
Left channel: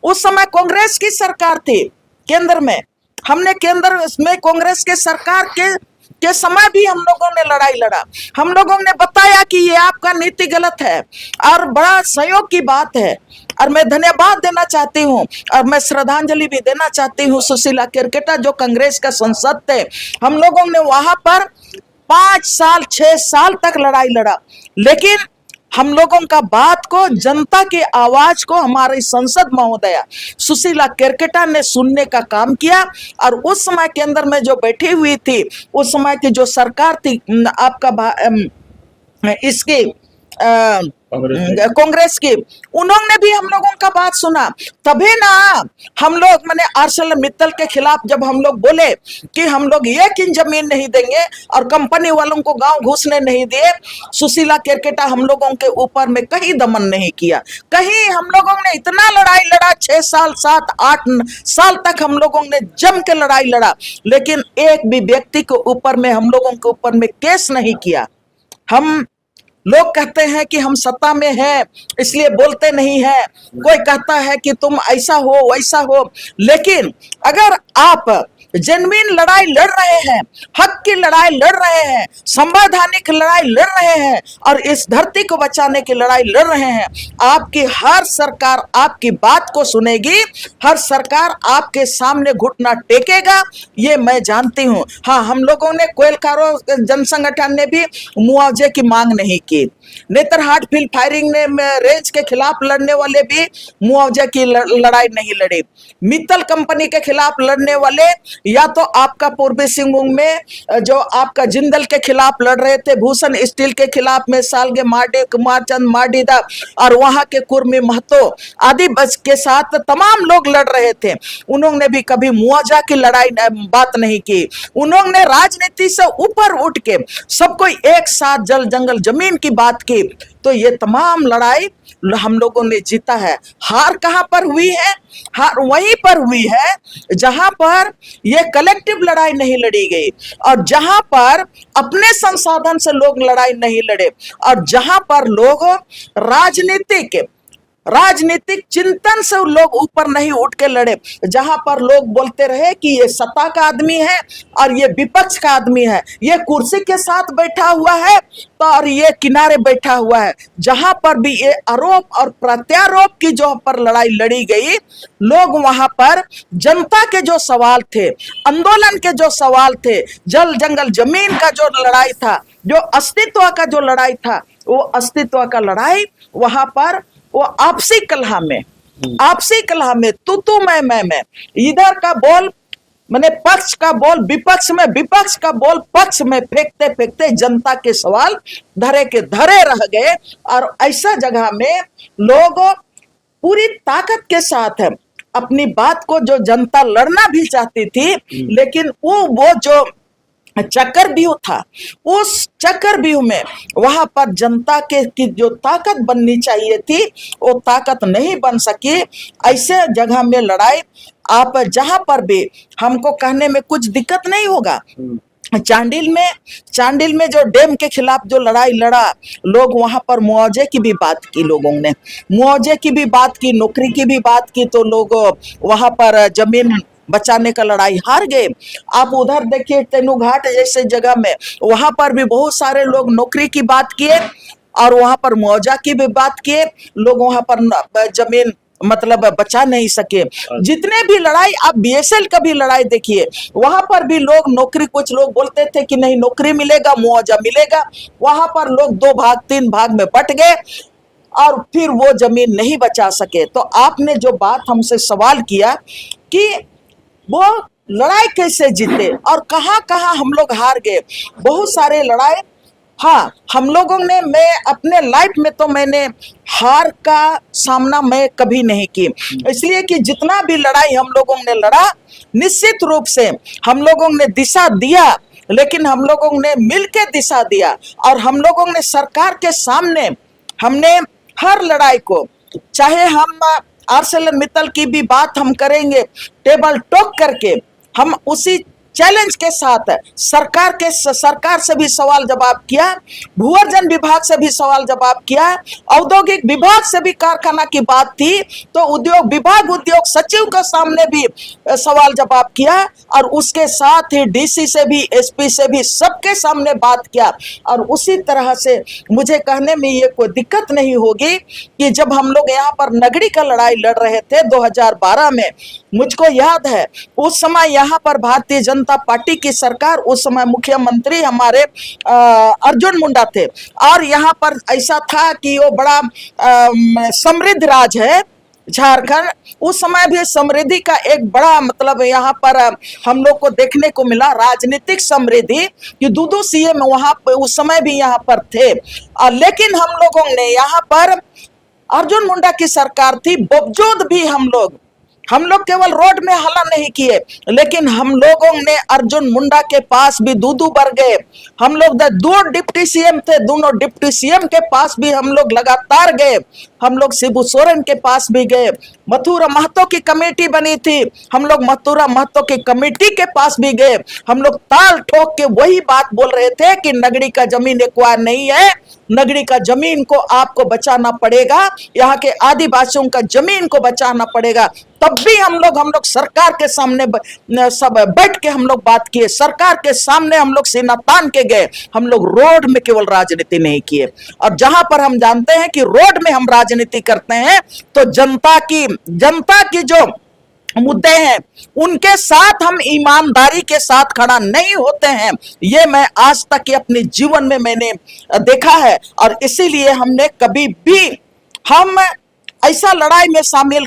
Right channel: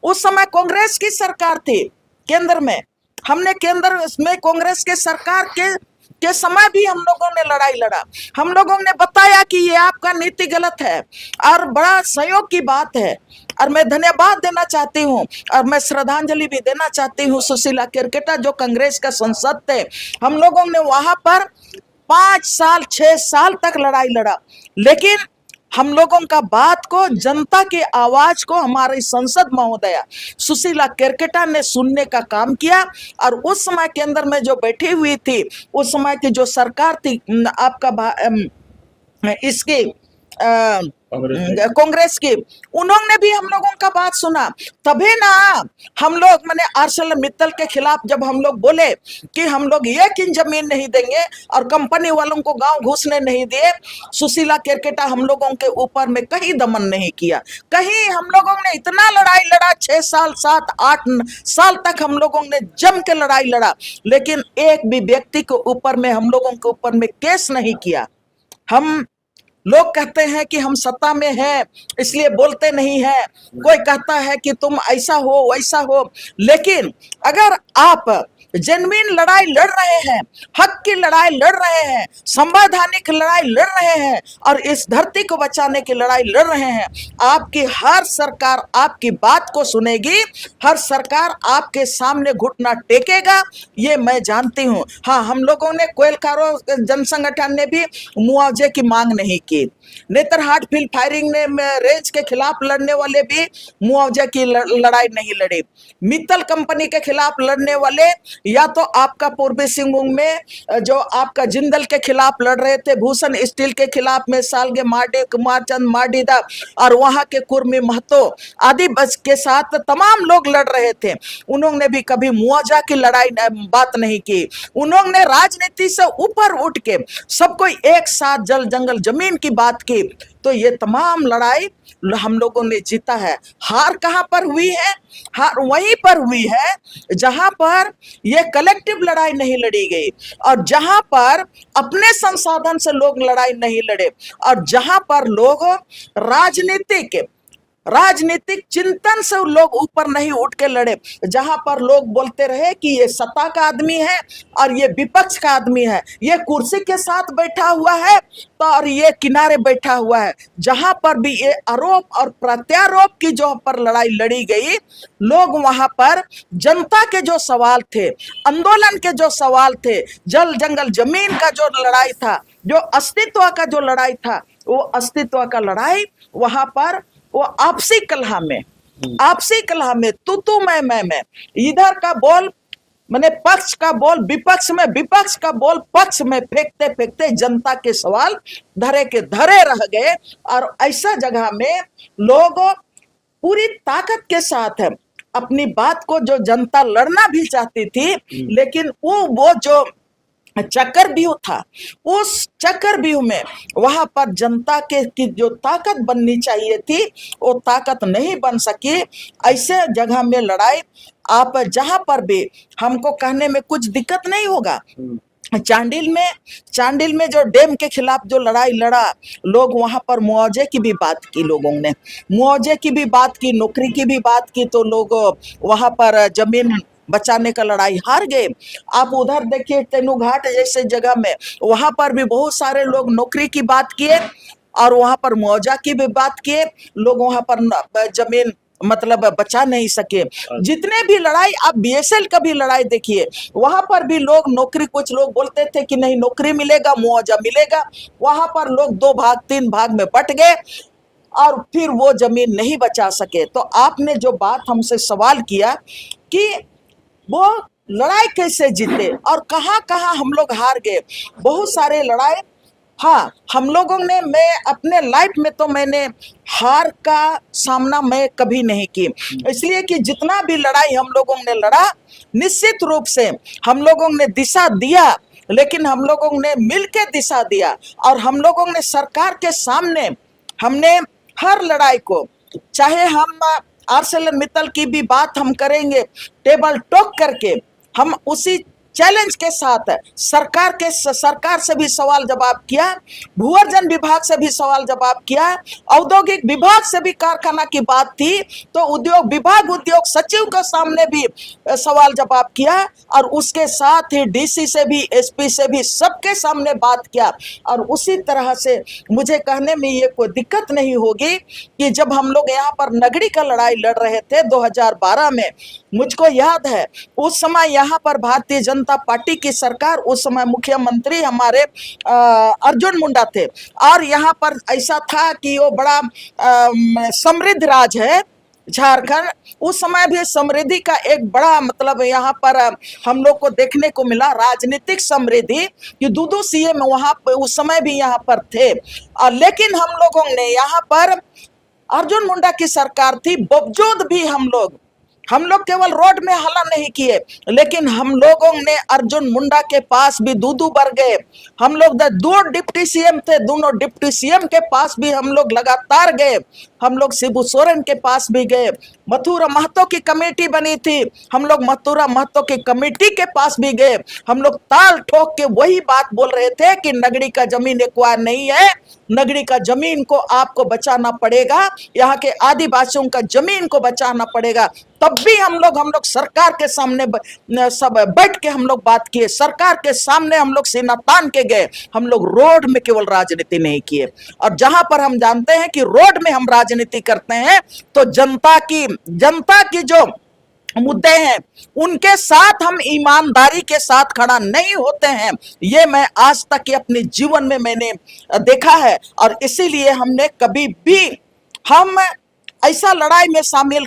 उस समय कांग्रेस की सरकार थी केंद्र में। हमने केंद्र में कांग्रेस के सरकार के समय भी हम लोगों ने लड़ाई लड़ा। हम लोगों ने बताया कि ये आपका नीति गलत है, और बड़ा सहयोग की बात है। और मैं धन्यवाद देना चाहती हूँ, और मैं श्रद्धांजलि भी देना चाहती हूँ सुशीला केरकेटा, जो कांग्रेस का सांसद थे। हम लोगों ने वहां पर 5 साल 6 साल तक लड़ाई लड़ा, लेकिन हम लोगों का बात को, जनता की आवाज को हमारी संसद महोदया सुशीला केरकेटा ने सुनने का काम किया। और उस समय केंद्र में जो बैठी हुई थी, उस समय की जो सरकार थी आपका इसकी कांग्रेस की, उन्होंने भी हम लोगों का बात सुना। तभी ना हम लोग माने आर्सेलरमित्तल के खिलाफ जब हम लोग बोले कि हम लोग ये किन जमीन नहीं देंगे और कंपनी वालों को गांव घुसने नहीं दिए, सुशीला केरकेटा हम लोगों के ऊपर में कहीं दमन नहीं किया। कहीं हम लोगों ने इतना लड़ाई लड़ा, 6 साल 7 8 साल तक हम लोगों ने जम के लड़ाई लड़ा, लेकिन एक भी व्यक्ति के ऊपर में, हम लोगों के ऊपर में केस नहीं किया। हम लोग कहते हैं कि हम सत्ता में हैं इसलिए बोलते नहीं है, कोई कहता है कि तुम ऐसा हो वैसा हो, लेकिन अगर आप जेन्युइन लड़ाई लड़ रहे हैं, हक की लड़ाई लड़ रहे हैं, संवैधानिक लड़ाई लड़ रहे हैं और इस धरती को बचाने की लड़ाई लड़ रहे हैं, आपकी हर सरकार आपकी बात को सुनेगी, हर सरकार आपके सामने घुटना टेकेगा, ये मैं जानती हूं। हाँ, हम लोगों ने कोयलकारों जन संगठन ने भी मुआवजे की मांग नहीं की, नेतरहाट फील्ड फायरिंग ने रेंज के खिलाफ लड़ने वाले भी मुआवजे की लड़ाई नहीं लड़े, मित्तल कंपनी के खिलाफ लड़ने वाले या तो आपका पूर्वी सिंहभूम में जो आपका जिंदल के खिलाफ लड़ रहे थे, भूषण स्टील के खिलाफ में सालगे मार्डी, कुमारचंद मार्डीदा और वहां के कुर्मी महतो आदि बच के साथ तमाम लोग लड़ रहे थे, उन्होंने भी कभी मुआवजा की लड़ाई बात नहीं की। उन्होंने राजनीति से ऊपर उठ के सबको एक साथ जल जंगल जमीन की बात की, तो ये तमाम लड़ाई हम लोगों ने जीता है। हार कहां पर हुई है? हार वहीं पर हुई है जहां पर ये कलेक्टिव लड़ाई नहीं लड़ी गई और जहां पर अपने संसाधन से लोग लड़ाई नहीं लड़े और जहां पर लोग राजनीतिक चिंतन से लोग ऊपर नहीं उठ के लड़े, जहां पर लोग बोलते रहे कि ये सत्ता का आदमी है और ये विपक्ष का आदमी है, ये कुर्सी के साथ बैठा हुआ है तो और ये किनारे बैठा हुआ है, जहां पर भी ये आरोप और प्रत्यारोप की जो पर लड़ाई लड़ी गई, लोग वहां पर जनता के जो सवाल थे, आंदोलन के जो सवाल थे, जल जंगल जमीन का जो लड़ाई था, जो अस्तित्व का जो लड़ाई था, वो अस्तित्व का लड़ाई वहां पर वो आपसी कलह में तू मैं, इधर का बोल मैंने पक्ष का बोल विपक्ष में, विपक्ष का बोल पक्ष में फेंकते फेंकते जनता के सवाल धरे के धरे रह गए और ऐसा जगह में लोग पूरी ताकत के साथ है अपनी बात को, जो जनता लड़ना भी चाहती थी, लेकिन वो जो चक्रव्यूह था, उस चक्रव्यूह में वहां पर जनता के की जो ताकत बननी चाहिए थी वो ताकत नहीं बन सकी। ऐसे जगह में लड़ाई आप जहां पर भी हमको कहने में कुछ दिक्कत नहीं होगा। चांडिल में जो डैम के खिलाफ जो लड़ाई लड़ा, लोग वहां पर मुआवजे की भी बात की, लोगों ने मुआवजे की भी बात की, नौकरी की भी बात की, तो लोग वहां पर जमीन बचाने का लड़ाई हार गए। आप उधर देखिए तेनुघाट जैसे जगह में, वहां पर भी बहुत सारे लोग नौकरी की बात किए और वहां पर मुआवजा की भी बात किए, लोग वहां पर जमीन मतलब बचा नहीं सके। जितने भी लड़ाई आप बीएसएल का भी लड़ाई देखिए, वहां पर भी लोग नौकरी, कुछ लोग बोलते थे कि नहीं नौकरी मिलेगा मुआवजा मिलेगा, वहां पर लोग 2 भाग 3 भाग में बट गए और फिर वो जमीन नहीं बचा सके। तो आपने जो बात हमसे सवाल किया कि वो लड़ाई कैसे जीते और कहां कहां हम लोग हार गए, बहुत सारे लड़ाई, हाँ हम लोगों ने, मैं अपने लाइफ में तो मैंने हार का सामना मैं कभी नहीं की, इसलिए कि जितना भी लड़ाई हम लोगों ने लड़ा, निश्चित रूप से हम लोगों ने दिशा दिया, लेकिन हम लोगों ने मिलकर दिशा दिया और हम लोगों ने सरकार के सामने हमने हर लड़ाई को, चाहे हम आर्सेलरमित्तल की भी बात हम करेंगे, टेबल टॉक करके हम उसी चैलेंज के साथ सरकार से भी सवाल जवाब किया, भूअर्जन विभाग से भी सवाल जवाब किया, औद्योगिक विभाग से भी कारखाना की बात थी तो उद्योग विभाग उद्योग सचिव के सामने भी सवाल जवाब किया और उसके साथ ही डीसी से भी एसपी से भी सबके सामने बात किया। और उसी तरह से मुझे कहने में ये कोई दिक्कत नहीं होगी कि जब हम लोग यहाँ पर नगड़ी का लड़ाई लड़ रहे थे 2012 में, मुझको याद है उस समय यहाँ पर भारतीय जनता पार्टी की सरकार, उस समय मुख्यमंत्री हमारे अर्जुन मुंडा थे और यहाँ पर ऐसा था कि वो बड़ा समृद्ध राज है झारखंड, उस समय भी समृद्धि का एक बड़ा मतलब यहाँ पर हम लोग को देखने को मिला, राजनीतिक समृद्धि कि 2 सीएम वहां उस समय भी यहाँ पर थे। लेकिन हम लोगों ने यहाँ पर अर्जुन मुंडा की सरकार थी, बावजूद भी हम लोग केवल रोड में हल्ला नहीं किए, लेकिन हम लोगों ने अर्जुन मुंडा के पास भी 2 बार गए। हम लोग 2 डिप्टी सीएम थे, दोनों डिप्टी सीएम के पास भी हम लोग लगातार गए। हम लोग शिबू सोरेन के पास भी गए, मथुरा महतो की कमेटी बनी थी, हम लोग मथुरा महतो की कमेटी के पास भी गए। हम लोग ताल ठोक के वही बात बोल रहे थे कि नगड़ी का जमीन एक्वायर नहीं है, नगरी का जमीन को आपको बचाना पड़ेगा, यहाँ के आदिवासियों का जमीन को बचाना पड़ेगा। तब भी हम लोग सरकार के सामने सब बैठ के हम लोग बात किए, सरकार के सामने हम लोग सीना तान के गए। हम लोग रोड में केवल राजनीति नहीं किए, और जहां पर हम जानते हैं कि रोड में हम राजनीति करते हैं तो जनता की जो मुद्दे हैं उनके साथ हम ईमानदारी के साथ खड़ा नहीं होते हैं। ये मैं आज तक के अपने जीवन में मैंने देखा है, और इसीलिए हमने कभी भी हम ऐसा लड़ाई में शामिल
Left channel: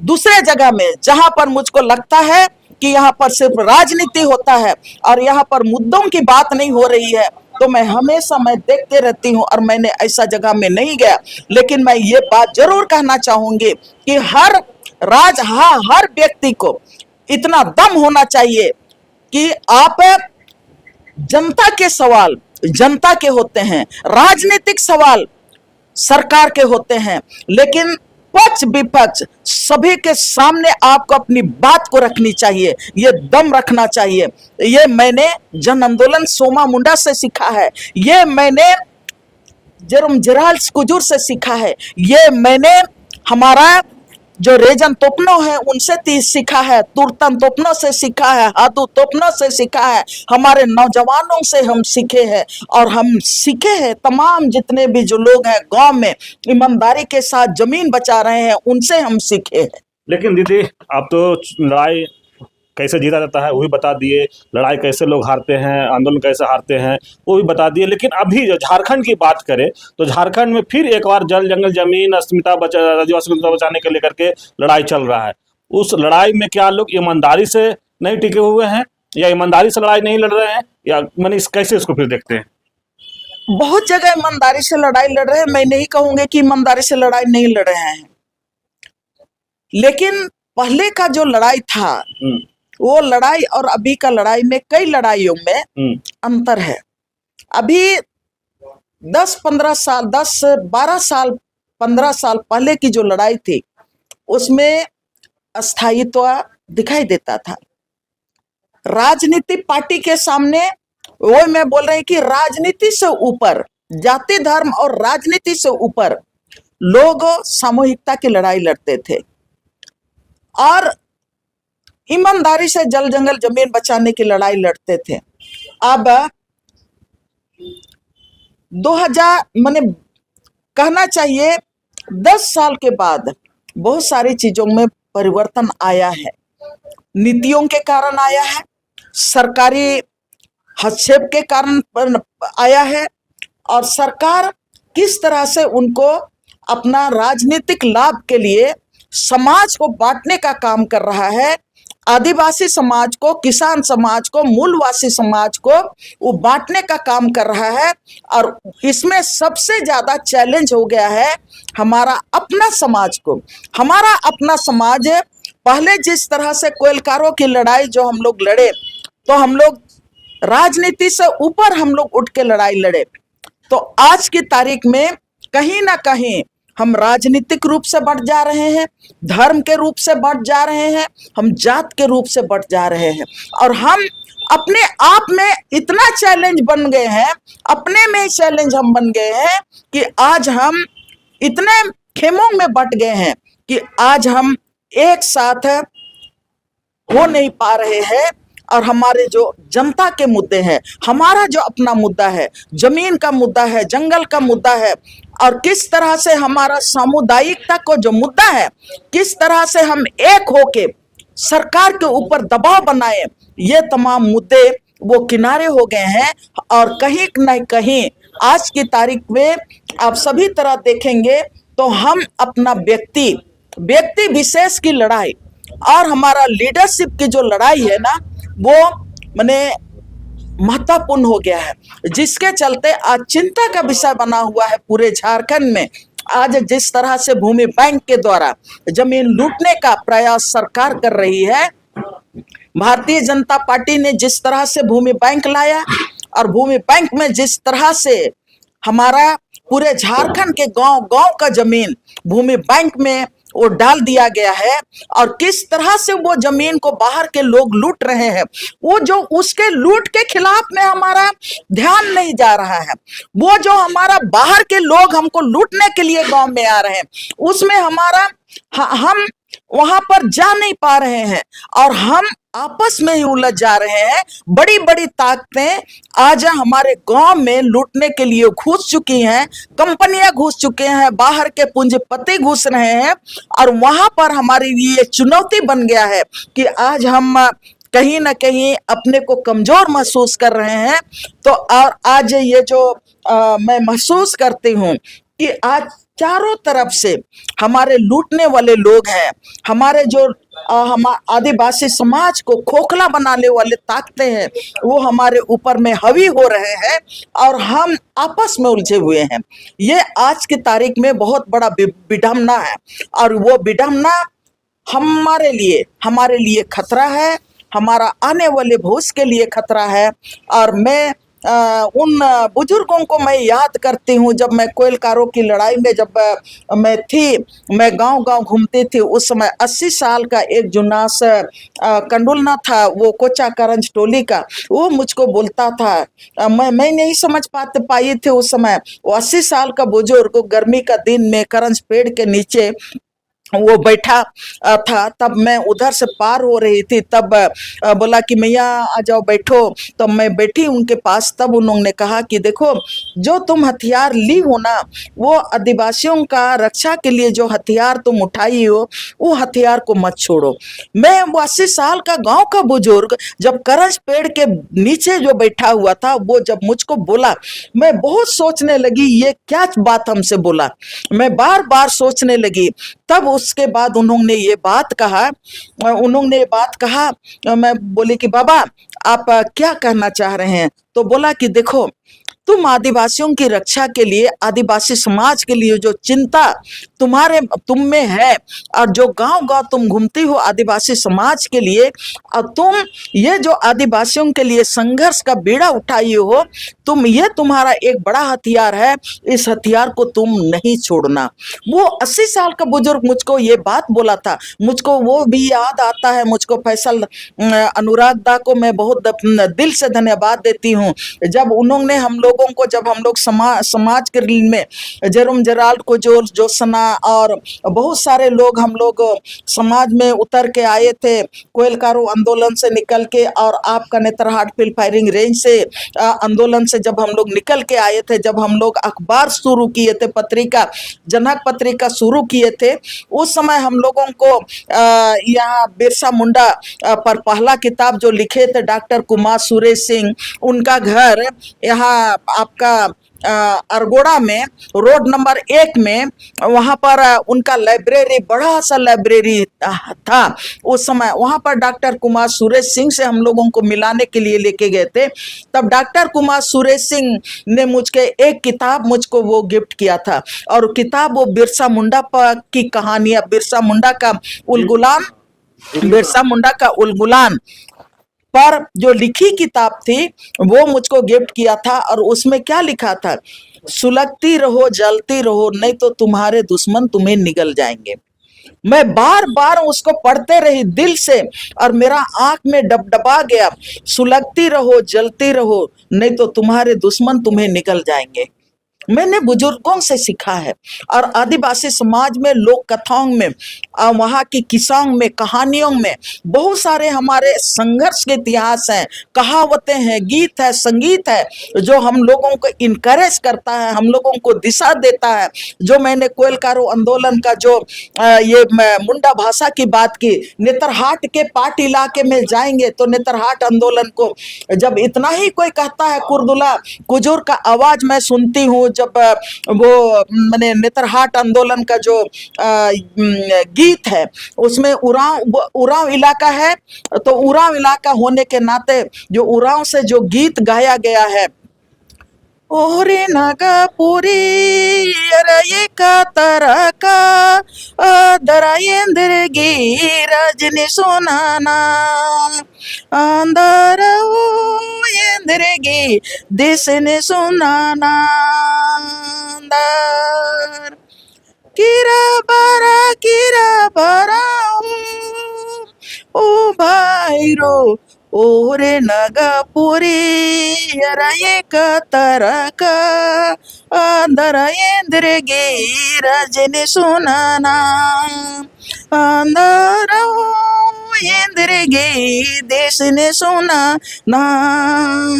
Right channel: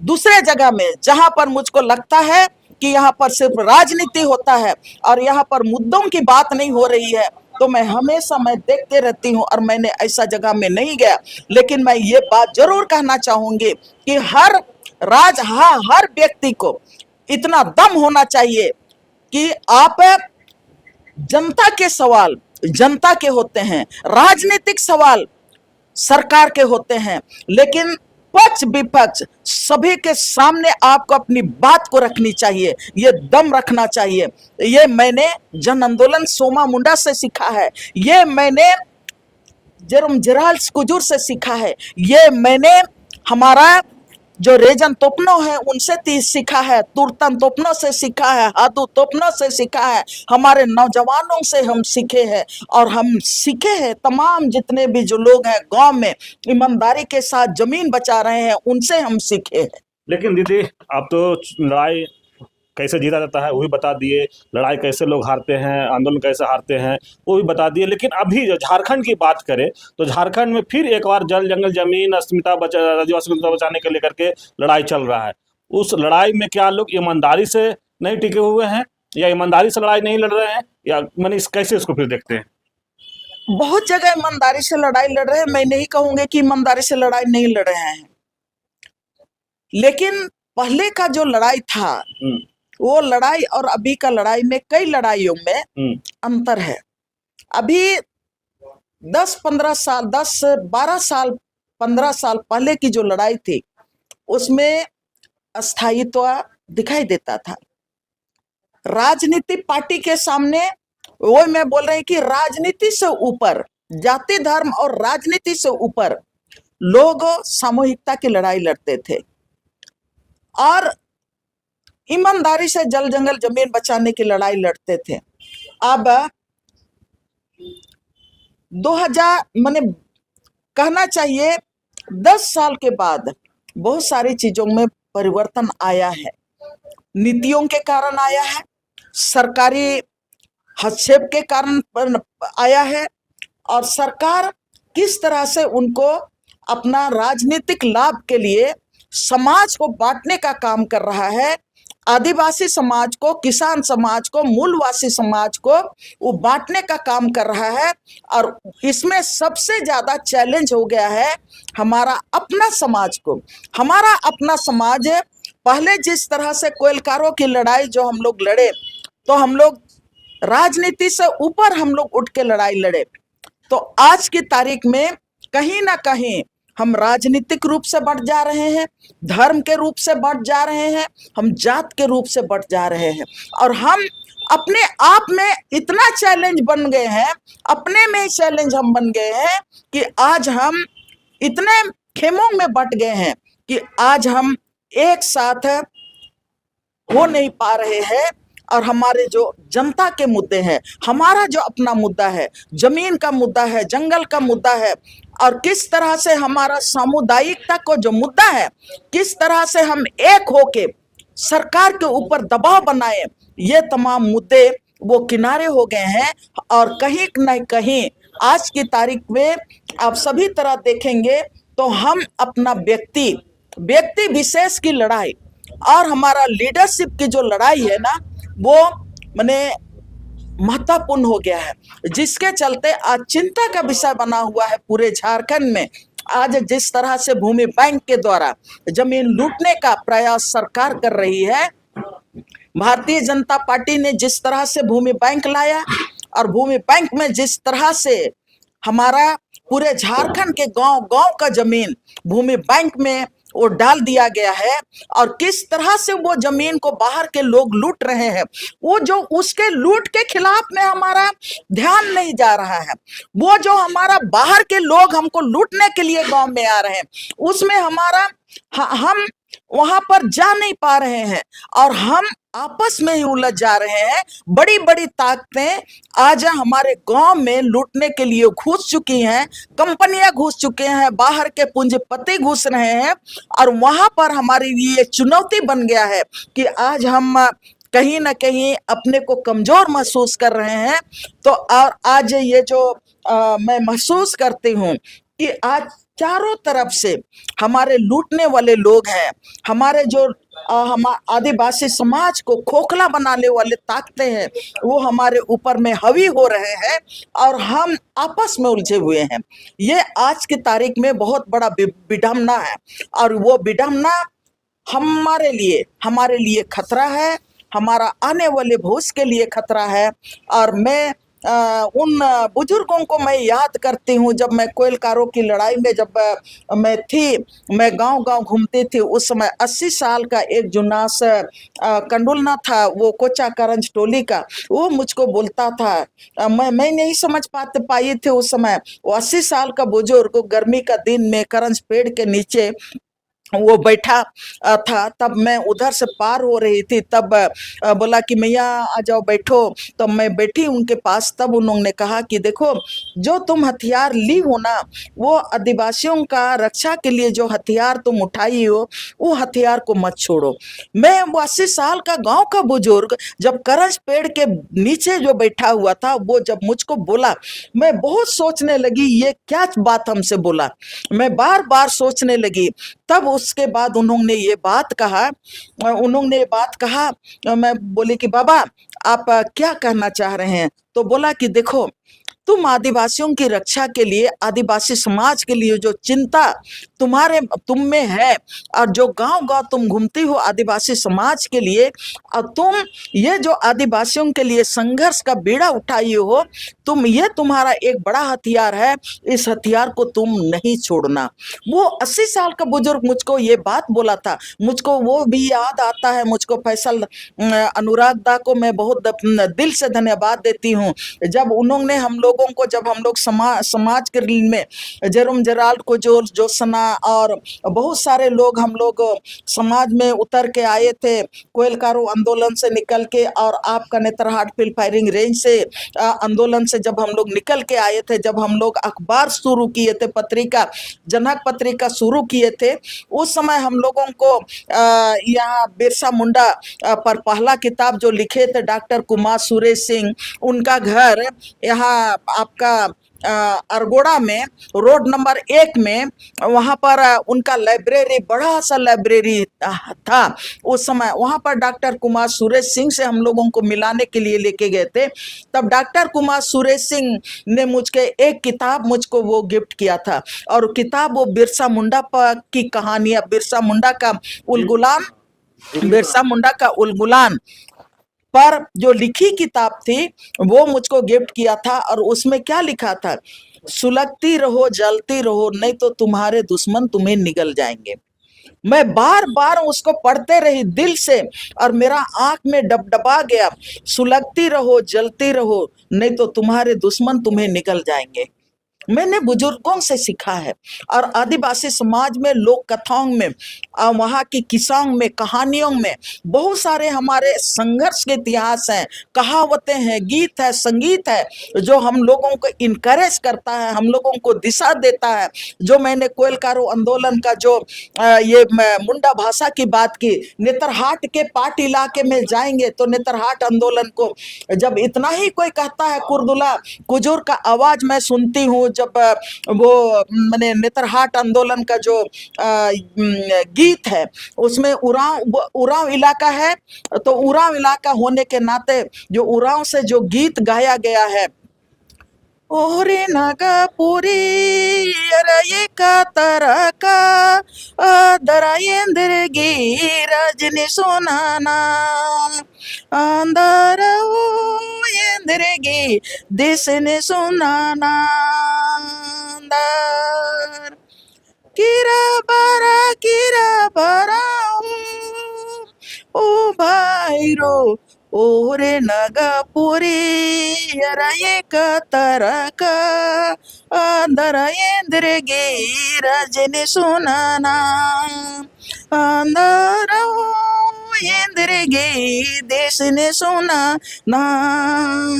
दूसरे जगह में जहां पर मुझको लगता है कि यहाँ पर सिर्फ राजनीति होता है और यहाँ पर मुद्दों की बात नहीं हो रही है, तो मैं हमेशा देखते रहती हूँ और मैंने ऐसा जगह में नहीं गया। लेकिन मैं ये बात जरूर कहना चाहूंगी कि हर व्यक्ति को इतना दम होना चाहिए कि आप जनता के सवाल जनता के होते हैं, राजनीतिक सवाल सरकार के होते हैं, लेकिन पक्ष विपक्ष सभी के सामने आपको अपनी बात को रखनी चाहिए, ये दम रखना चाहिए। ये मैंने जन आंदोलन सोमा मुंडा से सीखा है, ये मैंने जेराल्ड कुजूर से सीखा है, ये मैंने हमारा जो रेजन तोपनो है उनसे सीखा है, तुरतन तोपनो से सीखा है, हाथू तोपनो से सीखा है, हमारे नौजवानों से हम सीखे हैं। और हम सीखे हैं तमाम जितने भी जो लोग हैं गांव में ईमानदारी के साथ जमीन बचा रहे हैं, उनसे हम सीखे हैं। लेकिन दीदी, आप तो लड़ाई कैसे जीता जाता है वो भी बता दिए, लड़ाई कैसे लोग हारते हैं, आंदोलन कैसे हारते हैं वो भी बता दिए। लेकिन अभी जो झारखंड की बात करें तो झारखंड में फिर एक बार जल जंगल जमीन आदिवासी अस्मिता बचाने के लेकर के लड़ाई चल रहा है। उस लड़ाई में क्या लोग ईमानदारी से नहीं टिके हुए हैं, या ईमानदारी से लड़ाई नहीं लड़ रहे हैं, या मैंने कैसे इसको फिर देखते हैं? बहुत जगह ईमानदारी से लड़ाई लड़ रहे हैं, मैं नहीं कहूंगी कि ईमानदारी से लड़ाई नहीं लड़ रहे हैं, लेकिन पहले का जो लड़ाई था वो लड़ाई और अभी का लड़ाई में कई लड़ाइयों में अंतर है। अभी 10-15 साल 10-12 साल 15 साल पहले की जो लड़ाई थी उसमें अस्थायित्व दिखाई देता था। राजनीति पार्टी के सामने वो मैं बोल रही कि राजनीति से ऊपर, जाति धर्म और राजनीति से ऊपर लोग सामूहिकता की लड़ाई लड़ते थे और ईमानदारी से जल जंगल जमीन बचाने की लड़ाई लड़ते थे। अब 2000 माने कहना चाहिए 10 साल के बाद बहुत सारी चीजों में परिवर्तन आया है, नीतियों के कारण आया है, सरकारी हस्तक्षेप के कारण आया है, और सरकार किस तरह से उनको अपना राजनीतिक लाभ के लिए समाज को बांटने का काम कर रहा है, आदिवासी समाज को, किसान समाज को, मूलवासी समाज को वो बांटने का काम कर रहा है। और इसमें सबसे ज्यादा चैलेंज हो गया है हमारा अपना समाज को। हमारा अपना समाज पहले जिस तरह से कोयलकारों की लड़ाई जो हम लोग लड़े, तो हम लोग राजनीति से ऊपर हम लोग उठ के लड़ाई लड़े, तो आज की तारीख में कहीं ना कहीं हम राजनीतिक रूप से बढ़ जा रहे हैं, धर्म के रूप से बढ़ जा रहे हैं, हम जात के रूप से बढ़ जा रहे हैं, और हम अपने आप में इतना चैलेंज बन गए हैं, अपने में चैलेंज हम बन गए हैं कि आज हम इतने खेमों में बट गए हैं कि आज हम एक साथ हो नहीं पा रहे हैं। और हमारे जो जनता के मुद्दे हैं, हमारा जो अपना मुद्दा है, जमीन का मुद्दा है, जंगल का मुद्दा है, और किस तरह से हमारा सामुदायिकता को जो मुद्दा है, किस तरह से हम एक होके सरकार के ऊपर दबाव बनाए, ये तमाम मुद्दे वो किनारे हो गए हैं। और कहीं न कहीं आज की तारीख में आप सभी तरह देखेंगे तो हम अपना व्यक्ति विशेष की लड़ाई और हमारा लीडरशिप की जो लड़ाई है ना, वो माने महत्वपूर्ण हो गया है, जिसके चलते आज चिंता का विषय बना हुआ है पूरे झारखंड में। आज जिस तरह से भूमि बैंक के द्वारा जमीन लूटने का प्रयास सरकार कर रही है, भारतीय जनता पार्टी ने जिस तरह से भूमि बैंक लाया, और भूमि बैंक में जिस तरह से हमारा पूरे झारखंड के गांव-गांव का जमीन भूमि बैंक में वो डाल दिया गया है और किस तरह से वो जमीन को बाहर के लोग लूट रहे हैं, वो जो उसके लूट के खिलाफ में हमारा ध्यान नहीं जा रहा है। वो जो हमारा बाहर के लोग हमको लूटने के लिए गांव में आ रहे हैं, उसमें हमारा हम वहां पर जा नहीं पा रहे हैं और हम आपस में ही उलझ जा रहे हैं। बड़ी बड़ी ताकतें आज हमारे गांव में लूटने के लिए घुस चुकी हैं, कंपनियां घुस चुके हैं, बाहर के पूंजीपति घुस रहे हैं और वहां पर हमारे लिए चुनौती बन गया है कि आज हम कहीं ना कहीं अपने को कमजोर महसूस कर रहे हैं। तो और आज ये जो मैं महसूस करती हूँ कि आज चारों तरफ से हमारे लूटने वाले लोग हैं, हमारे जो हम आदिवासी समाज को खोखला बनाने वाले ताकतें हैं, वो हमारे ऊपर में हावी हो रहे हैं और हम आपस में उलझे हुए हैं। ये आज की तारीख में बहुत बड़ा विडंबना है और वो विडंबना हमारे लिए खतरा है, हमारा आने वाले भविष्य के लिए खतरा है। और मैं उन बुजुर्गों को मैं याद करती हूँ, जब मैं कोयलकारों की लड़ाई में जब मैं थी, मैं गांव-गांव घूमती थी, उस समय 80 साल का एक जुनास कंडुलना था, वो कोचा करंज टोली का, वो मुझको बोलता था। मैं नहीं समझ पाई थी उस समय। वो 80 साल का बुजुर्ग गर्मी का दिन में करंज पेड़ के नीचे वो बैठा था। तब मैं उधर से पार हो रही थी, तब बोला कि मैया आ जाओ बैठो। तो मैं बैठी उनके पास। तब उन्होंने कहा कि देखो, जो तुम हथियार ली हो ना, वो आदिवासियों का रक्षा के लिए जो हथियार तुम उठाई हो, वो हथियार को मत छोड़ो। मैं वो 80 साल का गांव का बुजुर्ग जब करंज पेड़ के नीचे जो बैठा हुआ था, वो जब मुझको बोला, मैं बहुत सोचने लगी ये क्या बात हमसे बोला। मैं बार बार सोचने लगी। तब उसके बाद उन्होंने ये बात कहा। मैं बोली कि बाबा, आप क्या कहना चाह रहे हैं? तो बोला कि देखो, तुम आदिवासियों की रक्षा के लिए, आदिवासी समाज के लिए जो चिंता तुम में है और जो गांव-गांव तुम घूमती हो आदिवासी समाज के लिए, और तुम ये जो आदिवासियों के लिए संघर्ष का बीड़ा उठाई हो, ये तुम्हारा एक बड़ा हथियार है, इस हथियार को तुम नहीं छोड़ना। वो 80 साल का बुजुर्ग मुझको ये बात बोला था। मुझको वो भी याद आता है। मुझको फैसल अनुराग दा को मैं बहुत दिल से धन्यवाद देती हूँ। जब उन्होंने हम लोगों को, जब हम लोग समाज के में जेरोम जेराल्ड को जो सना और बहुत सारे लोग हम लोग समाज में उतर के आए थे, कोयलकारो आंदोलन से निकल के और आपका नेतरहाट फील्ड फायरिंग रेंज से आंदोलन से जब हम लोग निकल के आए थे, जब हम लोग अखबार शुरू किए थे, पत्रिका जनक पत्रिका शुरू किए थे, उस समय हम लोगों को यहाँ बिरसा मुंडा पर पहला किताब जो लिखे थे डॉक्टर कुमार सुरेश सिंह, उनका घर यहाँ आपका अरगोड़ा में रोड नंबर 1 में, वहाँ पर उनका लाइब्रेरी, बड़ा सा लाइब्रेरी था उस समय। वहाँ पर डॉक्टर कुमार सुरेश सिंह से हम लोगों को मिलाने के लिए लेके गए थे। तब डॉक्टर कुमार सुरेश सिंह ने एक किताब मुझको वो गिफ्ट किया था, और किताब वो बिरसा मुंडा की कहानियां, बिरसा मुंडा का उलगुलान पर जो लिखी किताब थी, वो मुझको गिफ्ट किया था। और उसमें क्या लिखा था? सुलगती रहो, जलती रहो, नहीं तो तुम्हारे दुश्मन तुम्हें निगल जाएंगे। मैं बार बार उसको पढ़ते रही दिल से और मेरा आंख में डबडबा गया। सुलगती रहो, जलती रहो, नहीं तो तुम्हारे दुश्मन तुम्हें निगल जाएंगे। मैंने बुजुर्गों से सीखा है। और आदिवासी समाज में, लोक कथाओं में, वहाँ की किस्सों में, कहानियों में बहुत सारे हमारे संघर्ष के इतिहास हैं, कहावतें हैं, गीत है, संगीत है, जो हम लोगों को इनकरेज करता है, हम लोगों को दिशा देता है। जो मैंने कोयलकारो आंदोलन का जो ये मुंडा भाषा की बात की, नेतरहाट के पाट इलाके में जाएंगे तो नेतरहाट आंदोलन को जब इतना ही कोई कहता है, कुर्दुला कुजूर का आवाज मैं सुनती हूँ, जब वो मैंने नेतरहाट आंदोलन का जो गीत है, उसमें उरांव इलाका है, तो उरांव इलाका होने के नाते जो उरांव से जो गीत गाया गया है, ओरे नागापुरी अरे का तरका दरायेंद्रगी रजनी सोनाना अंदर येंद्रगी दिसने सोनाना अंदर किरा ओ भाईरो ओरे नगापुरी यरायेक तरका अंदरायेंद्रगे रजनी सुनाना अंदरा इंद्रगे देश ने सुना नांदार।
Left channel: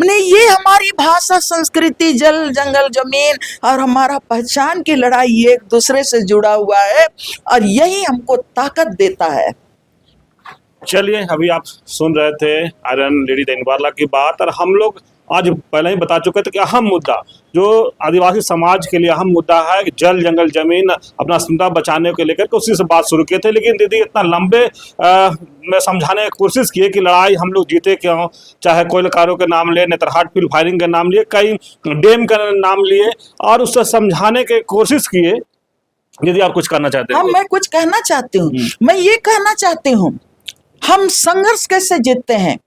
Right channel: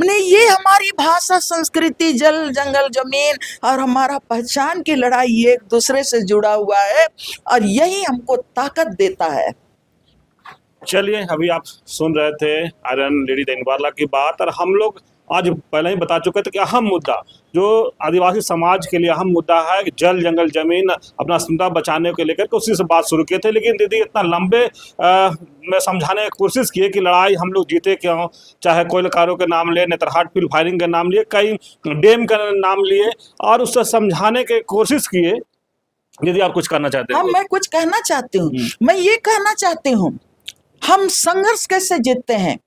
मैंने ये हमारी भाषा, संस्कृति, जल जंगल जमीन और हमारा पहचान की लड़ाई एक दूसरे से जुड़ा हुआ है और यही हमको ताकत देता है। चलिए, अभी आप सुन रहे थे आयरन लेडी दैनिक बारला की बात, और हम लोग आज पहले ही बता चुके थे कि अहम मुद्दा जो आदिवासी समाज के लिए अहम मुद्दा है कि जल जंगल जमीन अपना अस्मिता बचाने को लेकर के उसी से बात शुरू किए थे। लेकिन दीदी इतना लंबे में समझाने की कोशिश किए कि लड़ाई हम लोग जीते क्यों, चाहे कोयलकारों के नाम लिए, नेतरहाट फील्ड फायरिंग के नाम लिए, कई डैम का नाम लिए, और उससे समझाने की कोशिश किए। दीदी आप कुछ करना चाहते हैं? हाँ, मैं कुछ कहना चाहती हूँ। मैं ये कहना चाहती हूँ, हम संघर्ष कैसे जीतते हैं।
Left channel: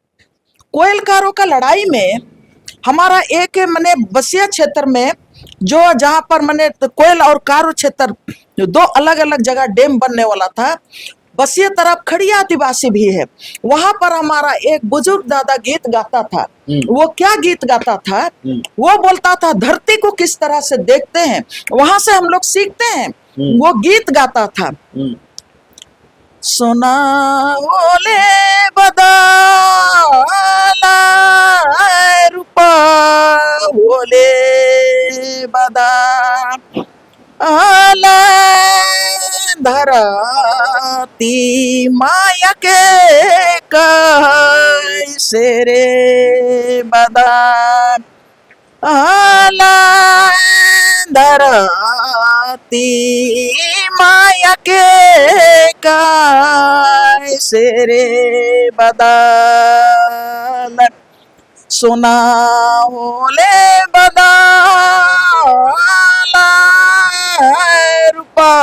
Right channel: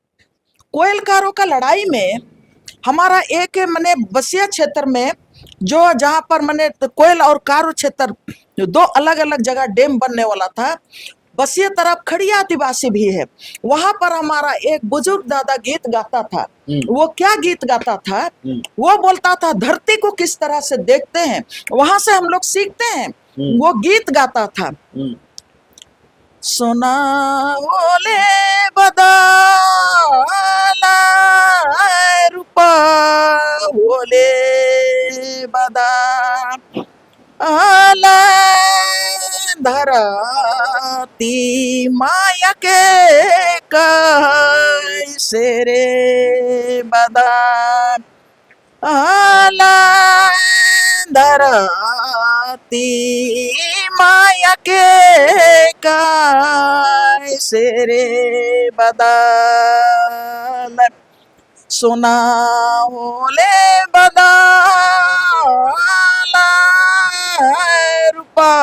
कोयलकारों का लड़ाई में हमारा एक मने बसिया क्षेत्र में जो जहाँ पर मने कोयल और कारो क्षेत्र दो अलग अलग जगह डैम बनने वाला था, बसिया तरफ खड़िया आदिवासी भी है। वहां पर हमारा एक बुजुर्ग दादा गीत गाता था। वो क्या गीत गाता था? वो बोलता था धरती को किस तरह से देखते हैं, वहां से हम लोग सीखते हैं। वो गीत गाता था, सोना ओले बदाला रूपा ओले बदा आला धराती माया के कैसे रे बदा आला धराती माया के कैसे रे बदल सोना ओले बदाला रूपा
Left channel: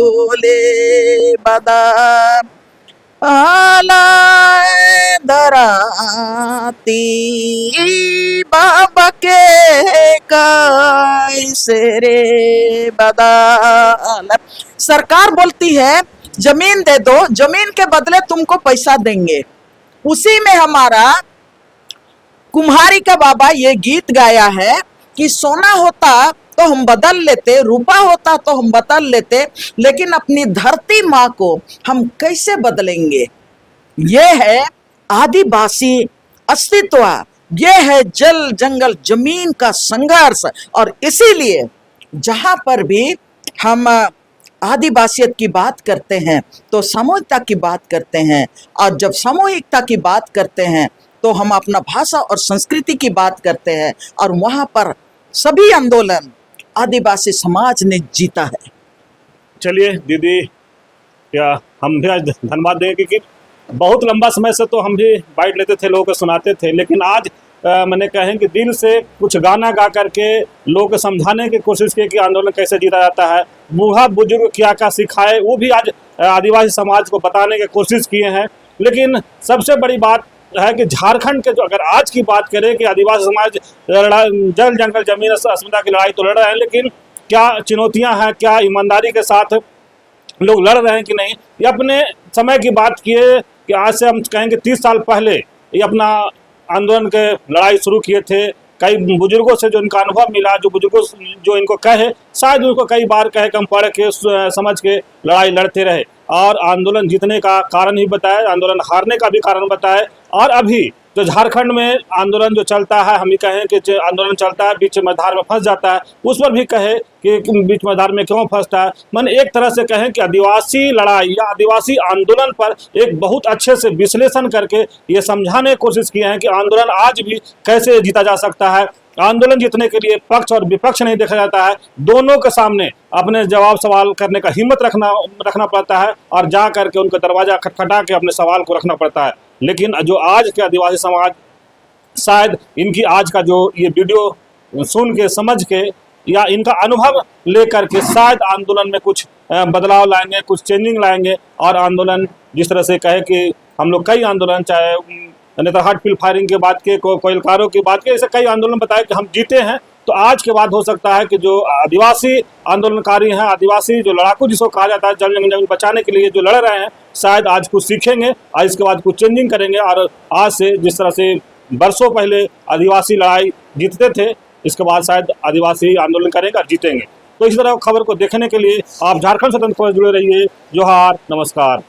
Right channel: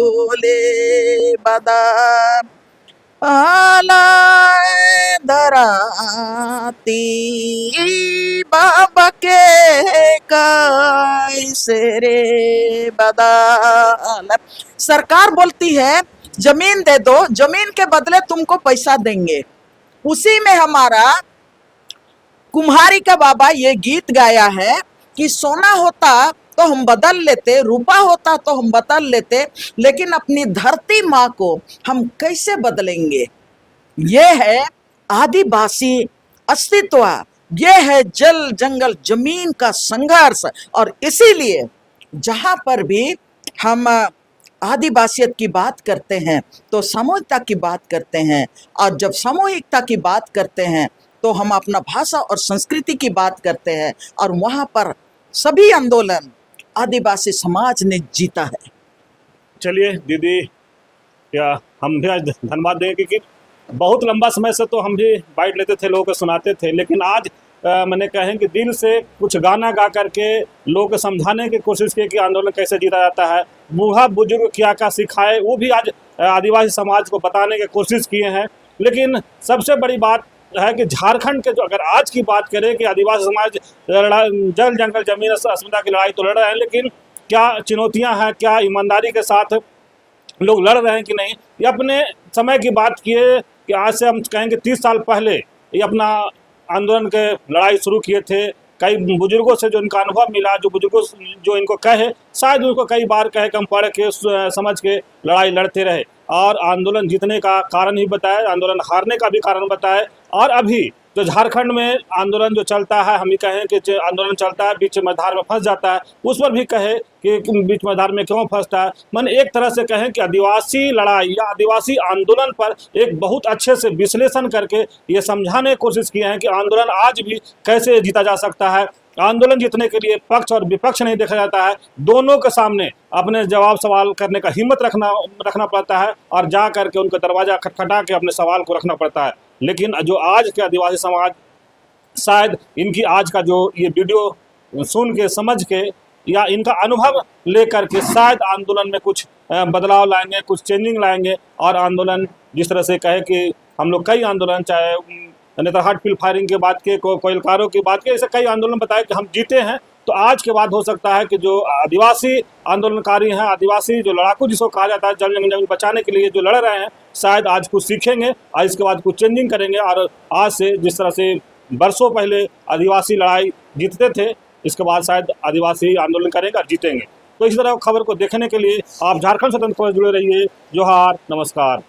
ओले बदा आला धराती बाबा के कैसे रे बदाल। सरकार बोलती है जमीन दे दो, जमीन के बदले तुमको पैसा देंगे। उसी में हमारा कुम्हारी का बाबा ये गीत गाया है कि सोना होता तो हम बदल लेते, रूपा होता तो हम बदल लेते, लेकिन अपनी धरती माँ को हम कैसे बदलेंगे। ये है आदिवासी अस्तित्व, ये है जल जंगल जमीन का संघर्ष। और इसीलिए जहां पर भी हम आदिवासियत की बात करते हैं तो सामूहिकता की बात करते हैं, और जब सामूहिकता की बात करते हैं तो हम अपना भाषा और संस्कृति की बात करते हैं, और वहां पर सभी आंदोलन आदिवासी समाज ने जीता है। चलिए दीदी, या हम भी आज धन्यवाद देंगे कि बहुत लंबा समय से तो हम भी बाइट लेते थे, लोगों को सुनाते थे, लेकिन आज मैंने कहें कि दिल से कुछ गाना गा करके लोगों को समझाने की कोशिश की कि आंदोलन कैसे जीता जाता है, बूढ़ा बुजुर्ग क्या क्या सिखाए, वो भी आज आदिवासी समाज को बताने की कोशिश किए हैं। लेकिन सबसे बड़ी बात है कि झारखंड के जो अगर आज की बात करें कि आदिवासी समाज जल जंगल जमीन अस्मिता की लड़ाई तो लड़ रहे हैं, लेकिन क्या चुनौतियां हैं, क्या ईमानदारी के साथ लोग लड़ रहे हैं कि नहीं। ये अपने समय की बात किए कि आज से हम कहेंगे 30 साल पहले ये अपना आंदोलन के लड़ाई शुरू किए थे। कई बुजुर्गों से जो इनका अनुभव मिला, जो बुजुर्गों जो इनको कहे, शायद उनको कई बार कहे कि हम पढ़ के समझ के लड़ाई लड़ते रहे, और आंदोलन जीतने का कारण ही बताए, आंदोलन हारने का भी कारण बताए। और अभी जो झारखंड में आंदोलन जो चलता है, हम ही कहें कि आंदोलन चलता है, बीच में धार में फंस जाता है, उस पर भी कहे कि बीच में धार में क्यों फंसता है। मैंने एक तरह से कहें कि आदिवासी लड़ाई या आदिवासी आंदोलन पर एक बहुत अच्छे से विश्लेषण करके ये समझाने की कोशिश किए हैं कि आंदोलन आज भी कैसे जीता जा सकता है। आंदोलन जीतने के लिए पक्ष और विपक्ष नहीं देखा जाता है, दोनों के सामने अपने जवाब सवाल करने का हिम्मत रखना पड़ता है, और जा करके उनका दरवाजा खटखटा के अपने सवाल को रखना पड़ता है। लेकिन जो आज के आदिवासी समाज, शायद इनकी आज का जो ये वीडियो सुन के समझ के या इनका अनुभव लेकर के शायद आंदोलन में कुछ बदलाव लाएंगे, कुछ चेंजिंग लाएंगे, और आंदोलन जिस तरह से कहे कि हम लोग कई आंदोलन, चाहे नेतरहाट फील्ड फायरिंग के बात के, कोयलकारों की बात के, ऐसे कई आंदोलन बताए कि हम जीते हैं, तो आज के बाद हो सकता है कि जो आदिवासी आंदोलनकारी हैं, आदिवासी जो लड़ाकू जिसको कहा जाता है, जमीन बचाने के लिए जो लड़ रहे हैं, शायद आज कुछ सीखेंगे और इसके बाद कुछ चेंजिंग करेंगे। और आज से जिस तरह से बरसों पहले आदिवासी लड़ाई जीतते थे, इसके बाद शायद आदिवासी आंदोलन करेंगे और जीतेंगे। तो इस तरह खबर को देखने के लिए आप झारखंड स्वतंत्र खबर जुड़े रहिए। जोहार, नमस्कार।